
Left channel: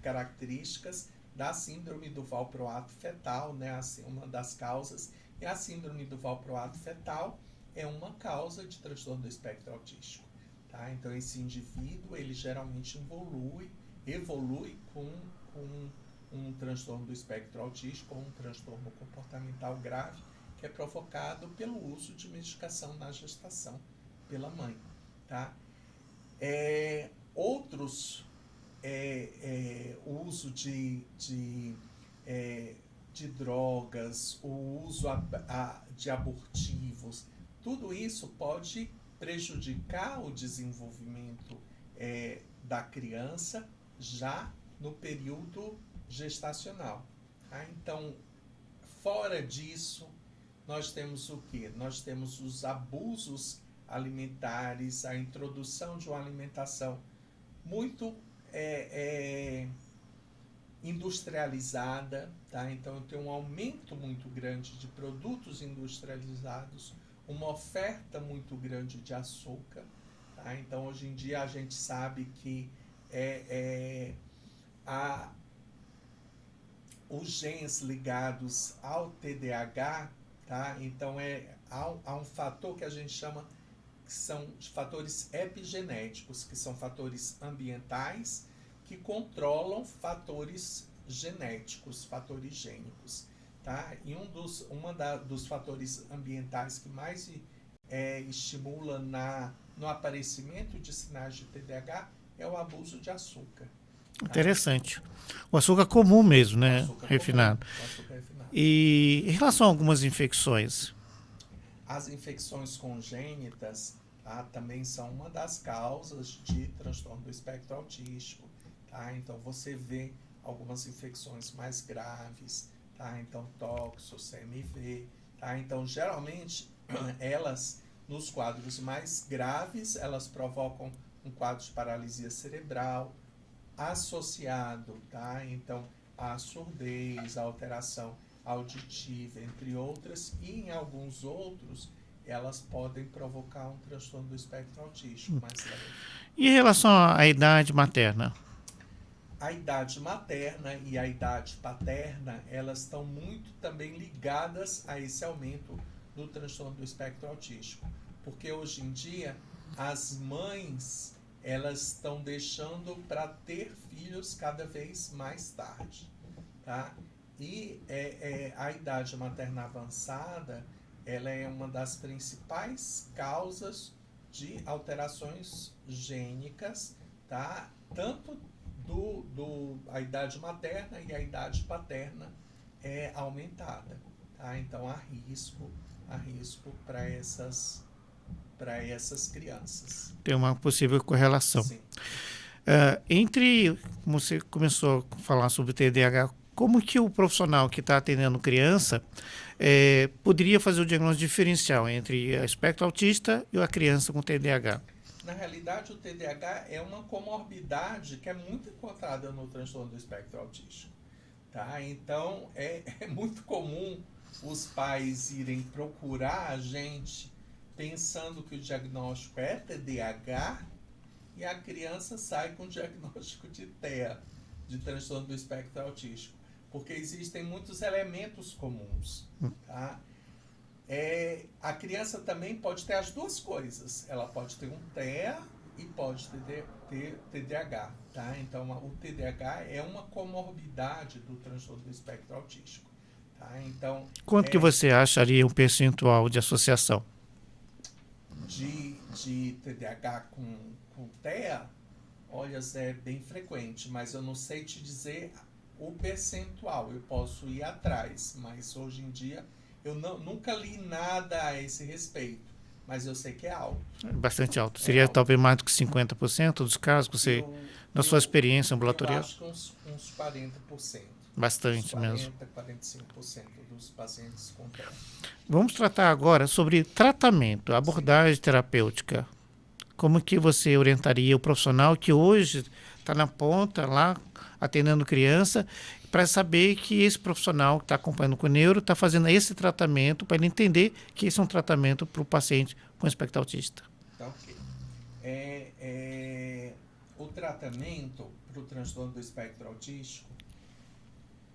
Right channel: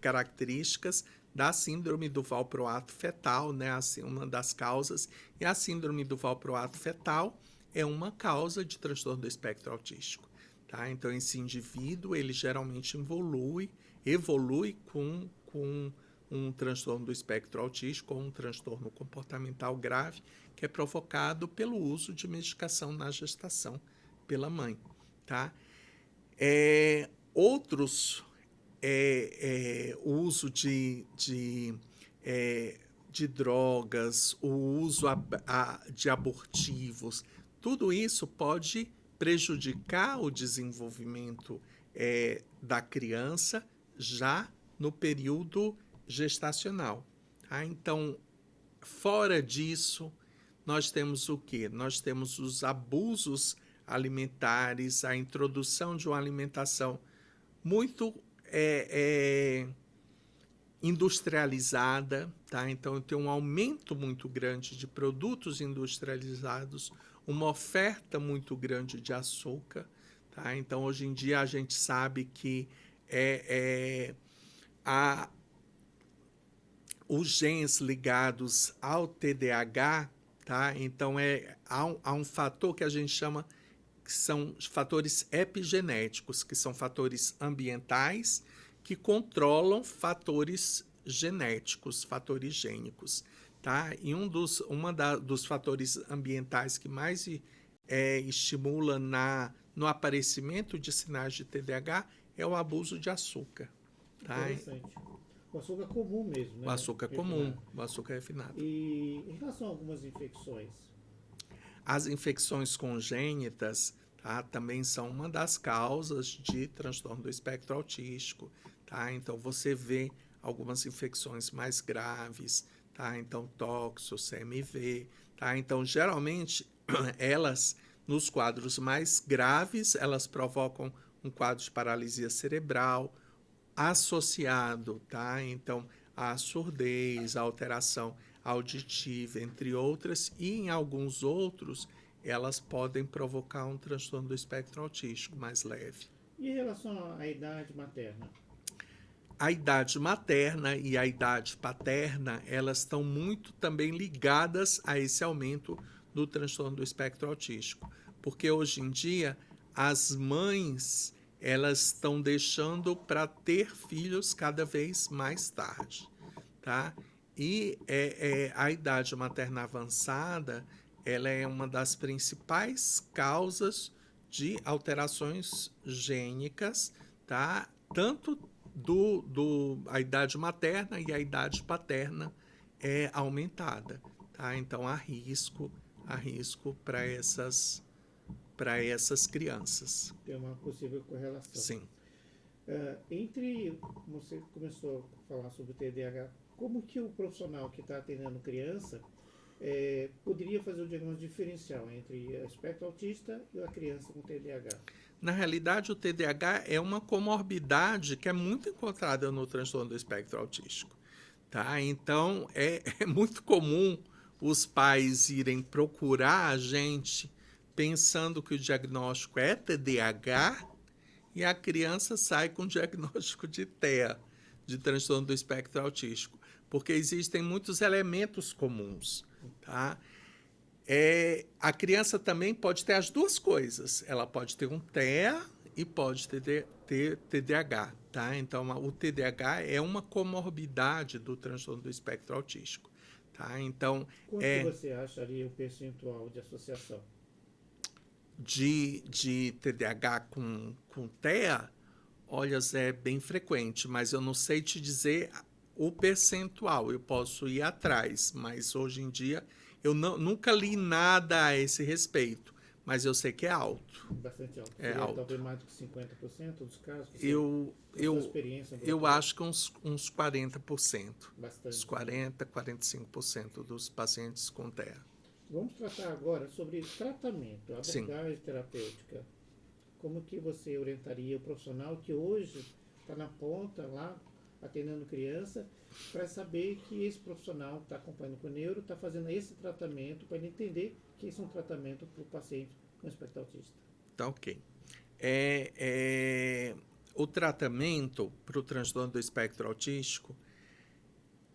características da síndrome do valproato fetal, né? Assim, uma das causas. E a síndrome do valproato fetal é uma causa de transtorno do espectro autístico, tá? Então, esse indivíduo, ele geralmente evolui com um transtorno do espectro autístico ou um transtorno comportamental grave, que é provocado pelo uso de medicação na gestação pela mãe, tá? Outros, o uso de drogas, o uso de abortivos, tudo isso pode prejudicar o desenvolvimento da criança já no período gestacional, tá? Então, fora disso, nós temos o quê? Nós temos os abusos alimentares, a introdução de uma alimentação muito industrializada, tá? Então, tem um aumento muito grande de produtos industrializados, uma oferta muito grande de açúcar, tá? Então, hoje em dia, a gente sabe que os genes ligados ao TDAH, tá? Então, há um fator que a gente chama que são fatores epigenéticos, que são fatores ambientais que controlam fatores genéticos, fatores gênicos, tá? E dos fatores ambientais que mais estimula no aparecimento de sinais de TDAH é o abuso de açúcar. Tá? Interessante. O açúcar comum mesmo, né? O açúcar refinado. Comum, o açúcar refinado. E em relação a algumas infecções? As infecções congênitas, tá, também são uma das causas de transtorno do espectro autístico, tá? Então, você vê algumas infecções mais graves, tá? Então, toxo, CMV, tá? Então, geralmente, elas, nos quadros mais graves, elas provocam um quadro de paralisia cerebral associado, tá? Então, a surdez, a alteração auditiva, entre outras, e em alguns outros, elas podem provocar um transtorno do espectro autístico mais leve. E em relação à idade materna? A idade materna e a idade paterna, elas estão muito também ligadas a esse aumento do transtorno do espectro autístico. Porque hoje em dia, as mães, elas estão deixando para ter filhos cada vez mais tarde, tá? E a idade materna avançada, ela é uma das principais causas de alterações gênicas, tá? Tanto a idade materna e a idade paterna é aumentada, tá? Então há risco para essas crianças. Tem uma possível correlação. Sim. Como você começou a falar sobre o TDAH, como que o profissional que está atendendo criança poderia fazer o diagnóstico diferencial entre o espectro autista e a criança com TDAH? Na realidade, o TDAH é uma comorbidade que é muito encontrada no transtorno do espectro autístico. Tá? Então, é muito comum os pais irem procurar a gente pensando que o diagnóstico é TDAH e a criança sai com o diagnóstico de TEA, de transtorno do espectro autístico, porque existem muitos elementos comuns. Tá? A criança também pode ter as duas coisas. Ela pode ter um TEA e pode ter TDAH. Tá? Então, o TDAH é uma comorbidade do transtorno do espectro autístico. Tá? Então, quanto que você acharia um percentual de associação? De TDAH com TEA, olha, é bem frequente, mas eu não sei te dizer o percentual. Eu posso ir atrás, mas hoje em dia eu nunca li nada a esse respeito, mas eu sei que é alto. Bastante alto. Seria alto. Talvez mais do que 50% dos casos que você, na sua experiência ambulatorial? Eu acho que uns 40%. Bastante uns 40, mesmo. 45% dos pacientes com TEA. Vamos tratar agora sobre tratamento, abordagem Sim. terapêutica. Como que você orientaria o profissional que hoje está na ponta lá, atendendo criança, para saber que esse profissional que está acompanhando com o neuro está fazendo esse tratamento, para ele entender que esse é um tratamento para o paciente com espectro autista? Tá, ok. O tratamento para o transtorno do espectro autístico,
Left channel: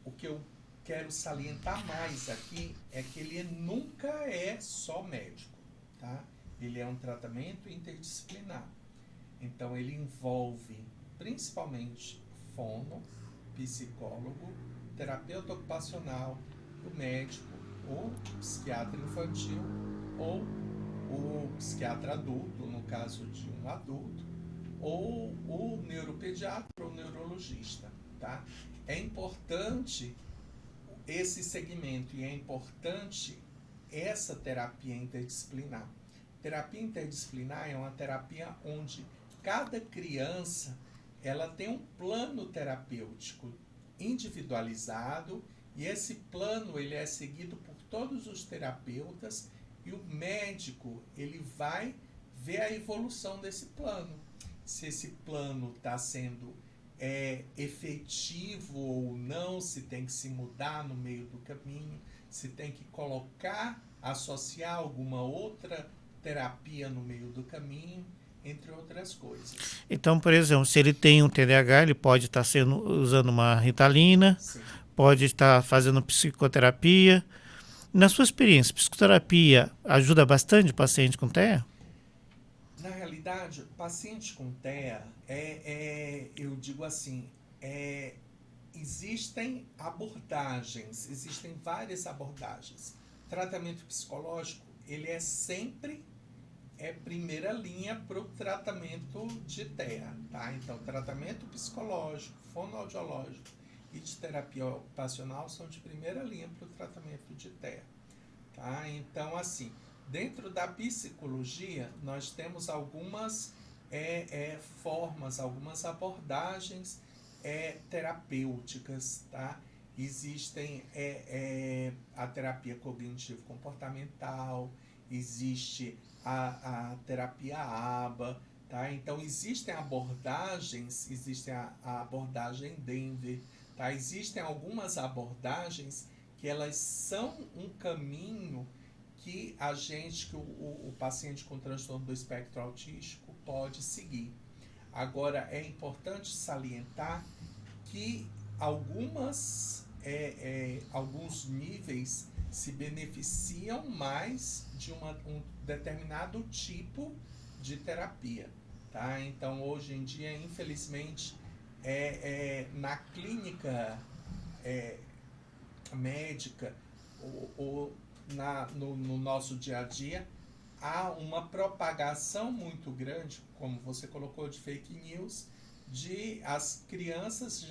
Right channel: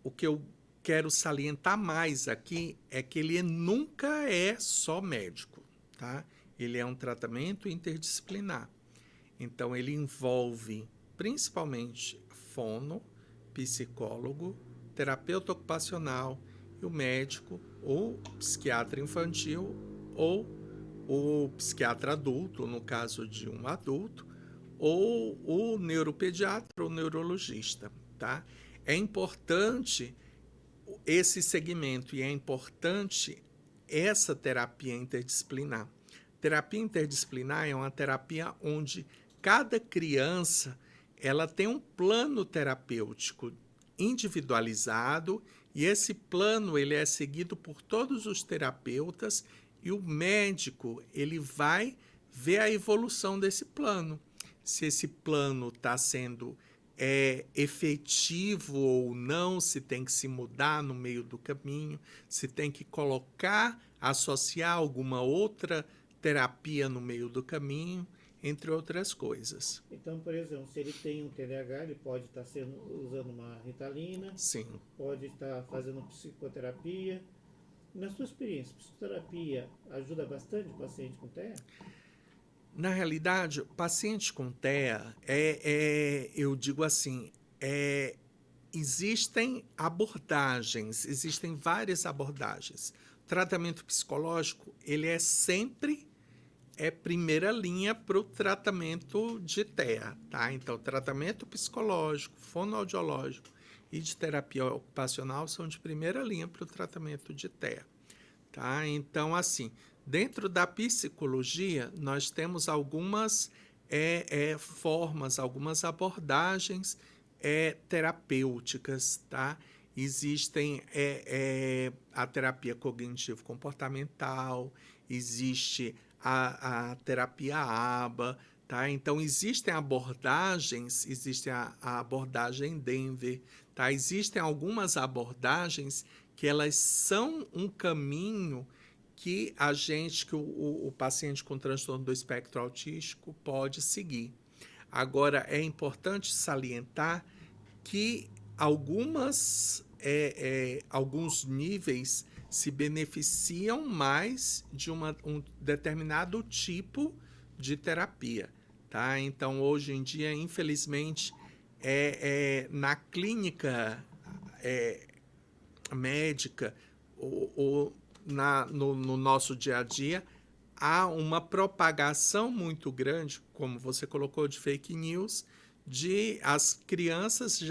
o que eu quero salientar mais aqui é que ele nunca é só médico, tá? Ele é um tratamento interdisciplinar. Então, ele envolve principalmente fono, psicólogo, terapeuta ocupacional e o médico, ou psiquiatra infantil, ou o psiquiatra adulto, no caso de um adulto, ou o neuropediatra ou neurologista, tá? É importante esse segmento e é importante essa terapia interdisciplinar. Terapia interdisciplinar é uma terapia onde cada criança ela tem um plano terapêutico individualizado e esse plano ele é seguido por todos os terapeutas e o médico ele vai ver a evolução desse plano. Se esse plano está sendo efetivo ou não, se tem que se mudar no meio do caminho, se tem que associar alguma outra terapia no meio do caminho, entre outras coisas. Então, por exemplo, se ele tem um TDAH, ele pode estar usando uma Ritalina, Sim. Pode estar fazendo psicoterapia. Na sua experiência, psicoterapia ajuda bastante o paciente com TEA? Na realidade, paciente com TEA, eu digo assim, existem abordagens, existem várias abordagens. Tratamento psicológico, ele é sempre primeira linha para o tratamento de TEA, tá? Então, tratamento psicológico, fonoaudiológico e de terapia ocupacional são de primeira linha para o tratamento de TEA, tá? Então, assim, dentro da psicologia, nós temos algumas formas, algumas abordagens terapêuticas, tá? Existem a terapia cognitivo-comportamental, existe a terapia ABA, tá? Então, existem abordagens, existe a abordagem Denver, tá? Existem algumas abordagens que elas são um caminho que o paciente com transtorno do espectro autístico pode seguir. Agora, é importante salientar que alguns níveis se beneficiam mais de um determinado tipo de terapia, tá? Então, hoje em dia, infelizmente, na clínica médica, no nosso dia a dia, há uma propagação muito grande, como você colocou, de fake news, de as crianças,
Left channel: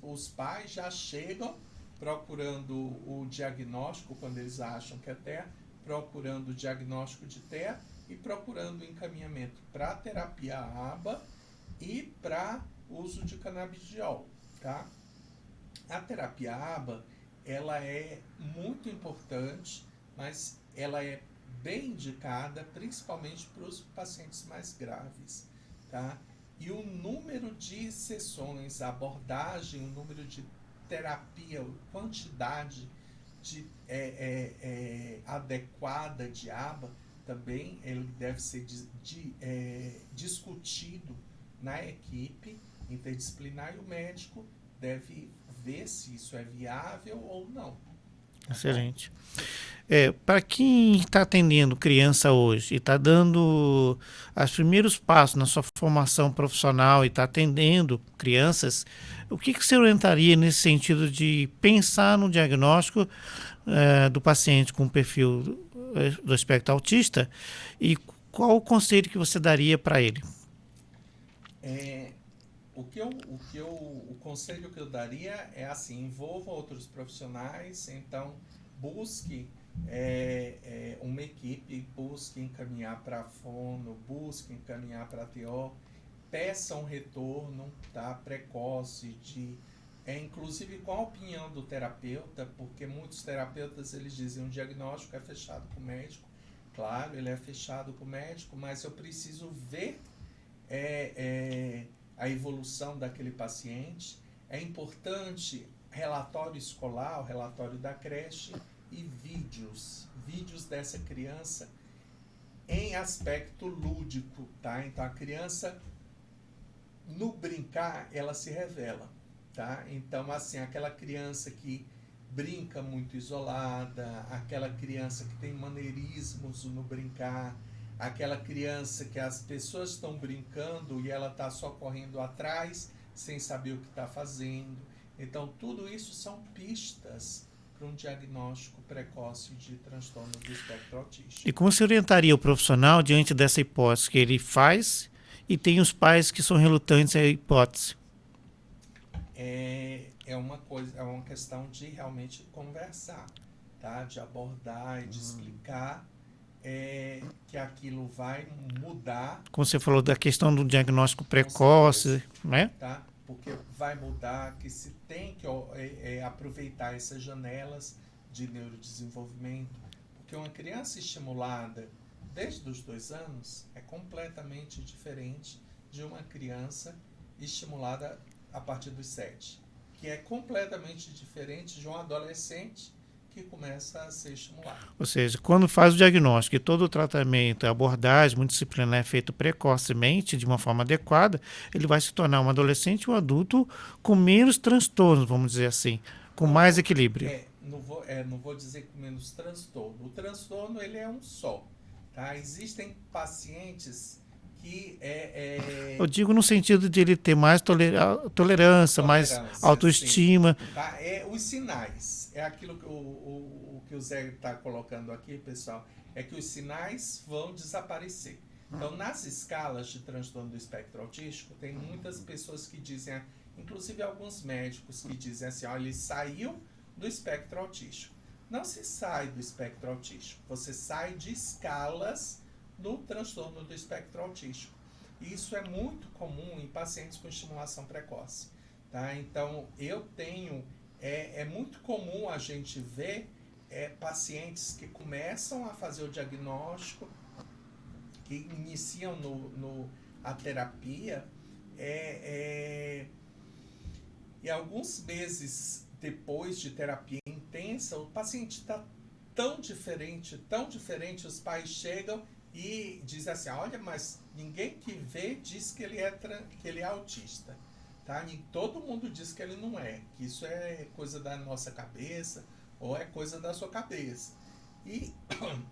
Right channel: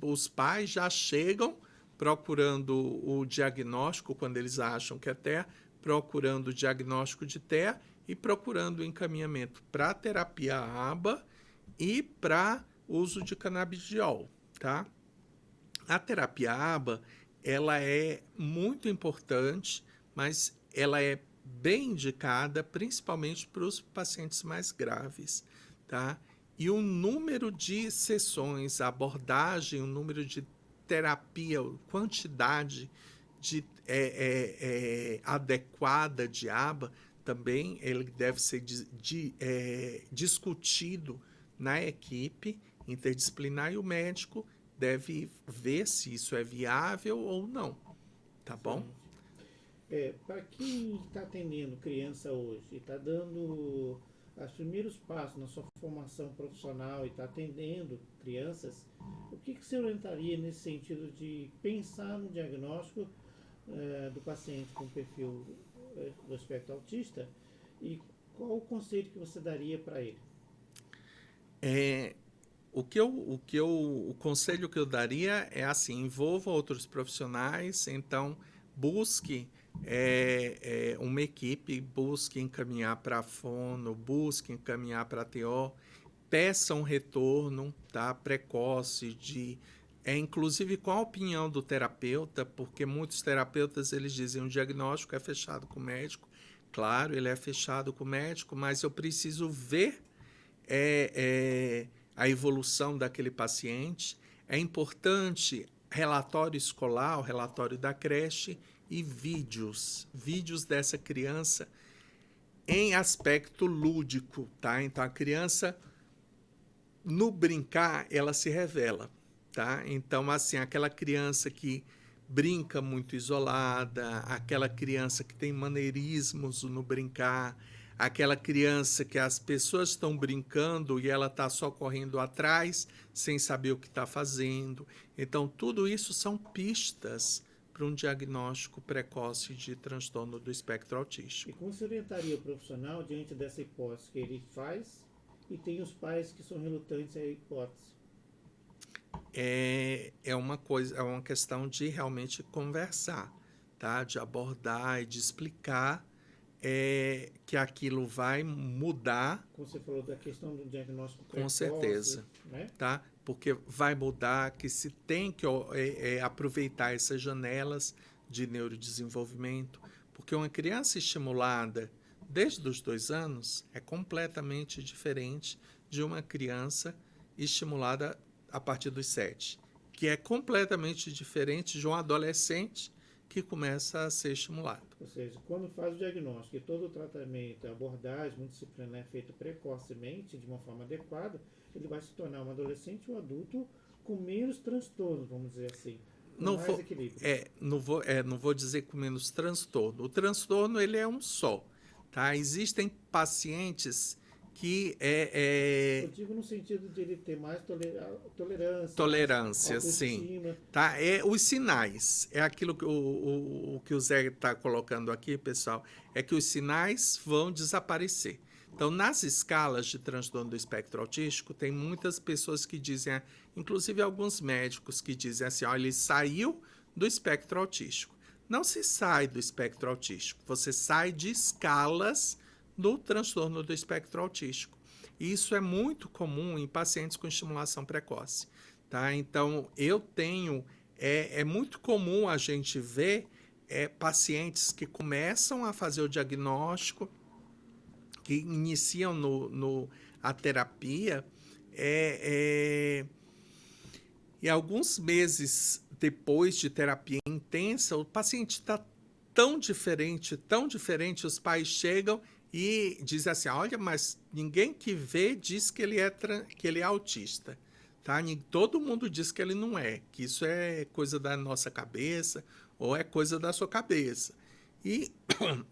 os pais já chegam procurando o diagnóstico, quando eles acham que é TEA, procurando o diagnóstico de TEA e procurando o encaminhamento para terapia ABA e para uso de canabidiol, tá? A terapia ABA, ela é muito importante, mas ela é bem indicada principalmente para os pacientes mais graves, tá? E o número de sessões, a abordagem, o número de terapia, quantidade adequada de ABA, também ele deve ser discutido na equipe interdisciplinar e o médico deve ver se isso é viável ou não. Tá Excelente. Para quem está atendendo criança hoje e está dando os primeiros passos na sua formação profissional e está atendendo crianças, o que você orientaria nesse sentido de pensar no diagnóstico do paciente com perfil do espectro autista e qual o conselho que você daria para ele? O conselho que eu daria é assim, envolva outros profissionais, então busque uma equipe, busque encaminhar para a fono, busque encaminhar para a TO, peça um retorno, tá, precoce inclusive com a opinião do terapeuta, porque muitos terapeutas eles dizem o diagnóstico é fechado com o médico, claro, ele é fechado com o médico, mas eu preciso ver a evolução daquele paciente. É importante relatório escolar, o relatório da creche e vídeos dessa criança em aspecto lúdico, tá? Então a criança no brincar ela se revela, tá? Então assim, aquela criança que brinca muito isolada, aquela criança que tem maneirismos no brincar, aquela criança que as pessoas estão brincando e ela está só correndo atrás, sem saber o que está fazendo. Então, tudo isso são pistas para um diagnóstico precoce de transtorno do espectro autístico. E como você orientaria o profissional diante dessa hipótese que ele faz e tem os pais que são relutantes à hipótese? É uma questão de realmente conversar, tá? De abordar e de explicar que aquilo vai mudar. Como você falou da questão do diagnóstico precoce, né? Tá? Porque vai mudar, que se tem que aproveitar essas janelas de neurodesenvolvimento, porque uma criança estimulada desde os 2 anos é completamente diferente de uma criança estimulada a partir dos 7, que é completamente diferente de um adolescente que começa a ser estimulado. Ou seja, quando faz o diagnóstico e todo o tratamento, a abordagem multidisciplinar é feito precocemente, de uma forma adequada, ele vai se tornar um adolescente ou um adulto com menos transtornos, vamos dizer assim, com mais equilíbrio. Não vou dizer com menos transtorno. O transtorno ele é um só. Tá? Existem pacientes que Eu digo no sentido de ele ter mais tolerância, mais autoestima. Sim. Tá? Os sinais, é aquilo que o Zé está colocando aqui, pessoal, é que os sinais vão desaparecer. Então, nas escalas de transtorno do espectro autístico, tem muitas pessoas que dizem, inclusive alguns médicos que dizem assim, ele saiu do espectro autístico. Não se sai do espectro autístico, você sai de escalas do transtorno do espectro autístico. Isso é muito comum em pacientes com estimulação precoce, tá? Então, é muito comum a gente ver pacientes que começam a fazer o diagnóstico, que iniciam a terapia, e alguns meses depois de terapia intensa, o paciente está tão diferente, os pais chegam e dizem assim, olha, mas ninguém que vê diz que ele é autista. Tá? Todo mundo diz que ele não é, que isso é coisa da nossa cabeça ou é coisa da sua cabeça. E,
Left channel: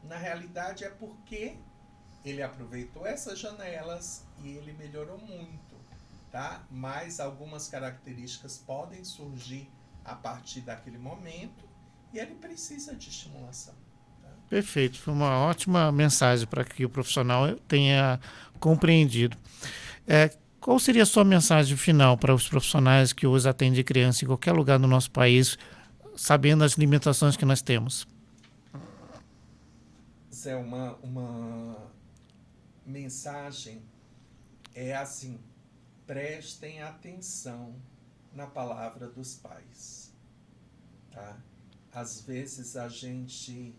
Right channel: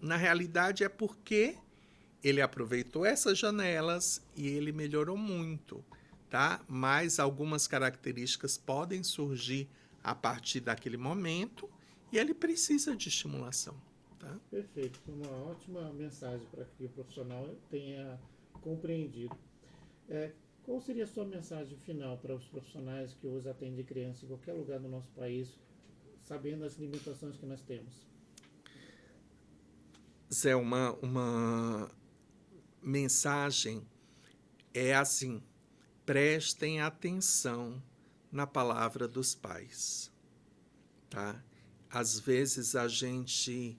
na realidade, é porque ele aproveitou essas janelas e ele melhorou muito. Tá? Mas algumas características podem surgir a partir daquele momento e ele precisa de estimulação. Tá? Perfeito, foi uma ótima mensagem para que o profissional tenha compreendido. Qual seria a sua mensagem final para os profissionais que hoje atendem criança em qualquer lugar do nosso país, sabendo as limitações que nós temos? Zé, uma mensagem é assim: prestem atenção na palavra dos pais, tá? Às vezes a gente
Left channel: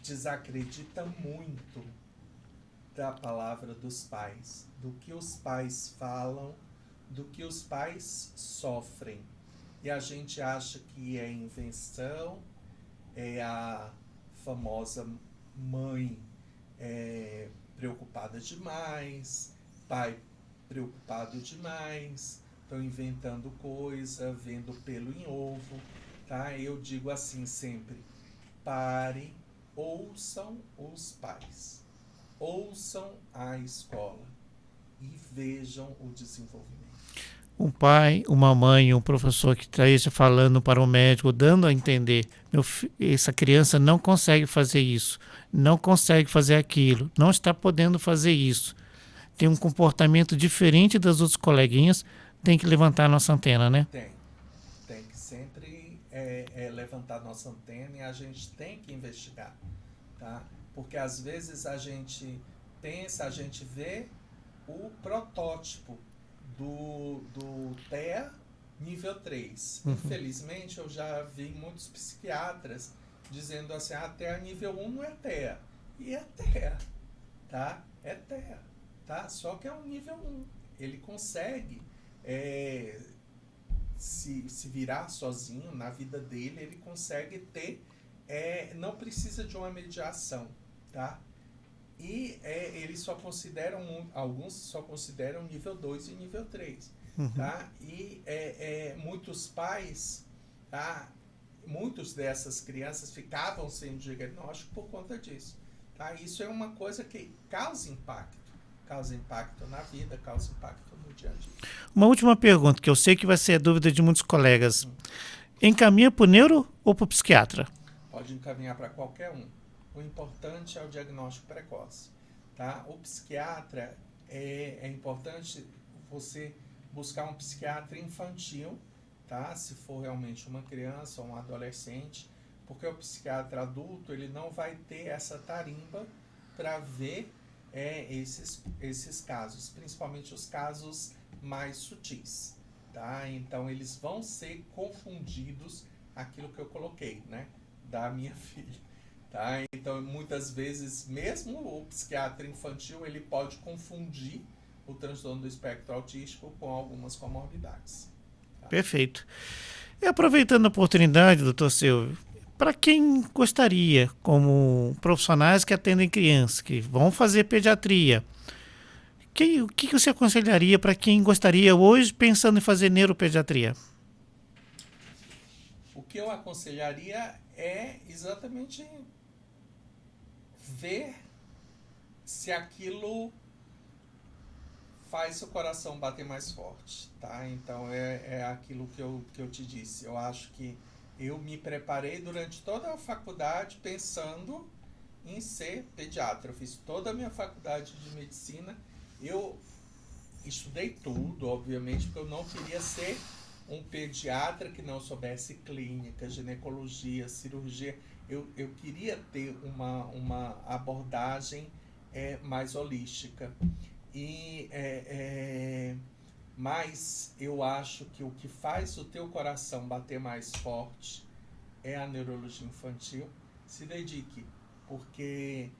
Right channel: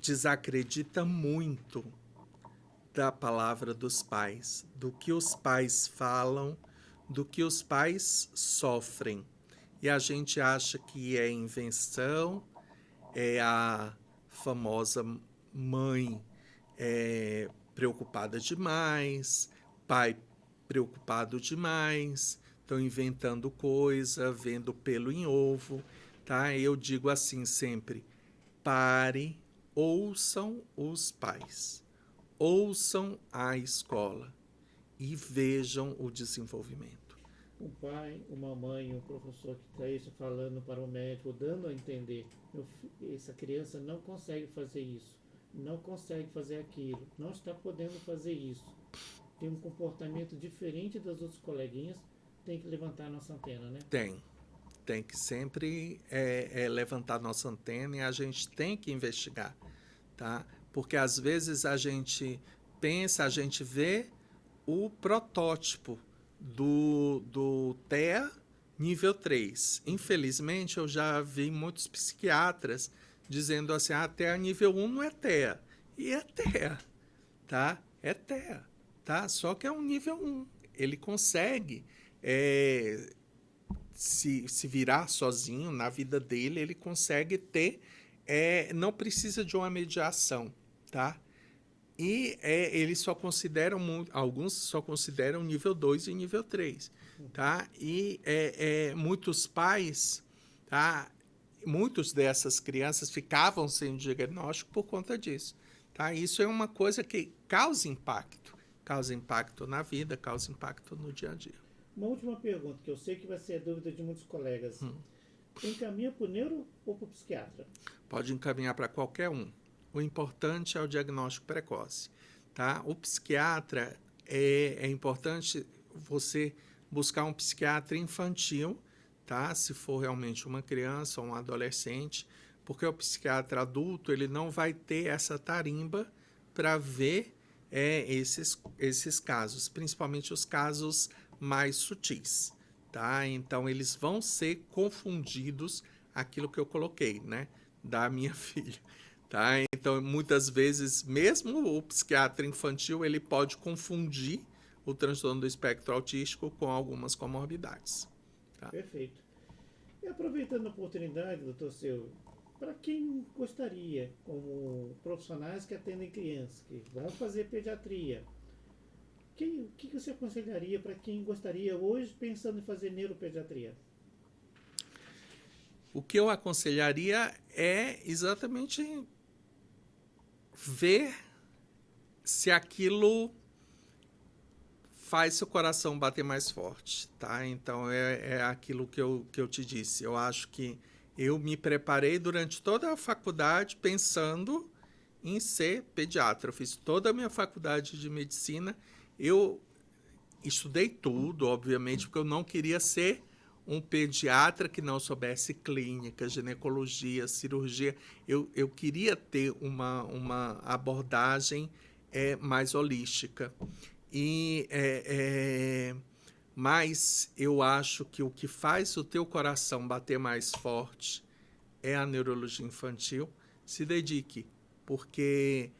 desacredita muito da palavra dos pais, do que os pais falam, do que os pais sofrem. E a gente acha que é invenção, é a famosa mãe preocupada demais, pai preocupado demais, estão inventando coisa, vendo pelo em ovo, tá? Eu digo assim sempre: pare, ouçam os pais, ouçam a escola e vejam o desenvolvimento. Um pai, uma mãe, um professor que esteja falando para o médico, dando a entender, essa criança não consegue fazer isso, não consegue fazer aquilo, não está podendo fazer isso, tem um comportamento diferente das outras coleguinhas, tem que levantar a nossa antena, né? Tem que sempre levantar nossa antena e a gente tem que investigar, tá? Porque às vezes a gente pensa, a gente vê o protótipo do TEA nível 3. Infelizmente, eu já vi muitos psiquiatras dizendo assim: TEA nível 1 não é TEA. E é TEA, tá? É TEA, tá? Só que é um nível 1. Ele consegue se virar sozinho na vida dele, ele consegue ter, não precisa de uma mediação, tá? E eles só consideram, alguns só consideram nível 2 e nível 3, tá? E muitos pais, tá? Muitos dessas crianças ficavam sem diagnóstico por conta disso, tá? Isso é uma coisa que causa impacto na vida, causa impacto no dia a dia. Uma última pergunta, que eu sei que vai ser a dúvida de muitos colegas. Encaminha para o neuro ou para o psiquiatra? Pode encaminhar para qualquer um. O importante é o diagnóstico precoce, tá? O psiquiatra, é importante você buscar um psiquiatra infantil, tá? Se for realmente uma criança ou um adolescente, porque o psiquiatra adulto, ele não vai ter essa tarimba para ver esses casos, principalmente os casos mais sutis, tá? Então, eles vão ser confundidos, aquilo que eu coloquei, né? Da minha filha. Tá? Então, muitas vezes, mesmo o psiquiatra infantil, ele pode confundir o transtorno do espectro autístico com algumas comorbidades. Tá? Perfeito. E aproveitando a oportunidade, doutor Silvio, para quem gostaria, como profissionais que atendem crianças, que vão fazer pediatria, o que você aconselharia para quem gostaria hoje, pensando em fazer neuropediatria? O que eu aconselharia é exatamente ver se aquilo faz seu coração bater mais forte, tá? Então, é aquilo que eu te disse. Eu acho que eu me preparei durante toda a faculdade pensando em ser pediatra. Eu fiz toda a minha faculdade de medicina. Eu estudei tudo, obviamente, porque eu não queria ser um pediatra que não soubesse clínica, ginecologia, cirurgia. Eu queria ter uma abordagem mais holística. Mas eu acho que o que faz o teu coração bater mais forte é a neurologia infantil. Se dedique, porque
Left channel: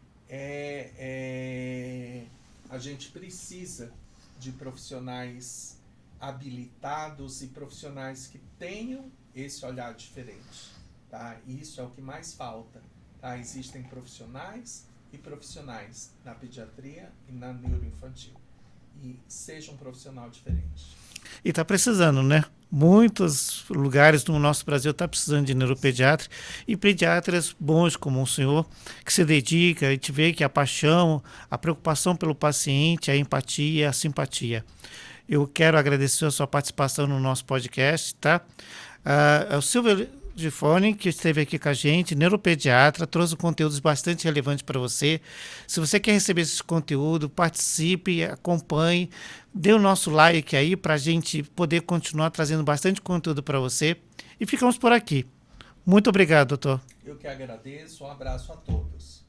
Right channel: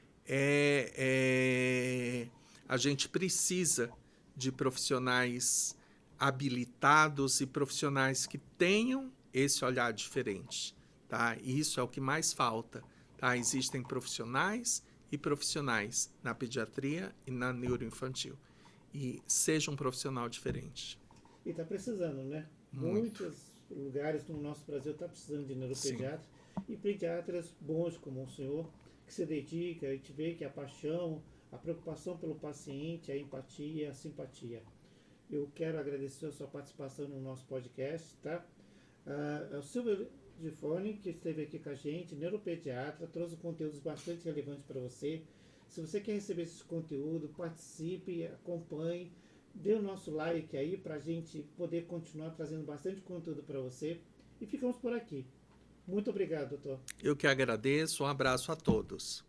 a gente precisa de profissionais habilitados e profissionais que tenham esse olhar diferente, tá? Isso é o que mais falta, tá? Existem profissionais e profissionais na pediatria e na neuroinfantil. E seja um profissional diferente. E está precisando, né? Muitos lugares no nosso Brasil estão precisando de neuropediatra e pediatras bons como o senhor, que se dedica e te vê que a paixão, a preocupação pelo paciente, a empatia, a simpatia. Eu quero agradecer a sua participação no nosso podcast, tá? O Silvio Gifone, que esteve aqui com a gente, neuropediatra, trouxe conteúdos bastante relevantes para você. Se você quer receber esse conteúdo, participe, acompanhe, dê o nosso like aí para a gente poder continuar trazendo bastante conteúdo para você. E ficamos por aqui. Muito obrigado, doutor. Eu que agradeço. Um abraço a todos.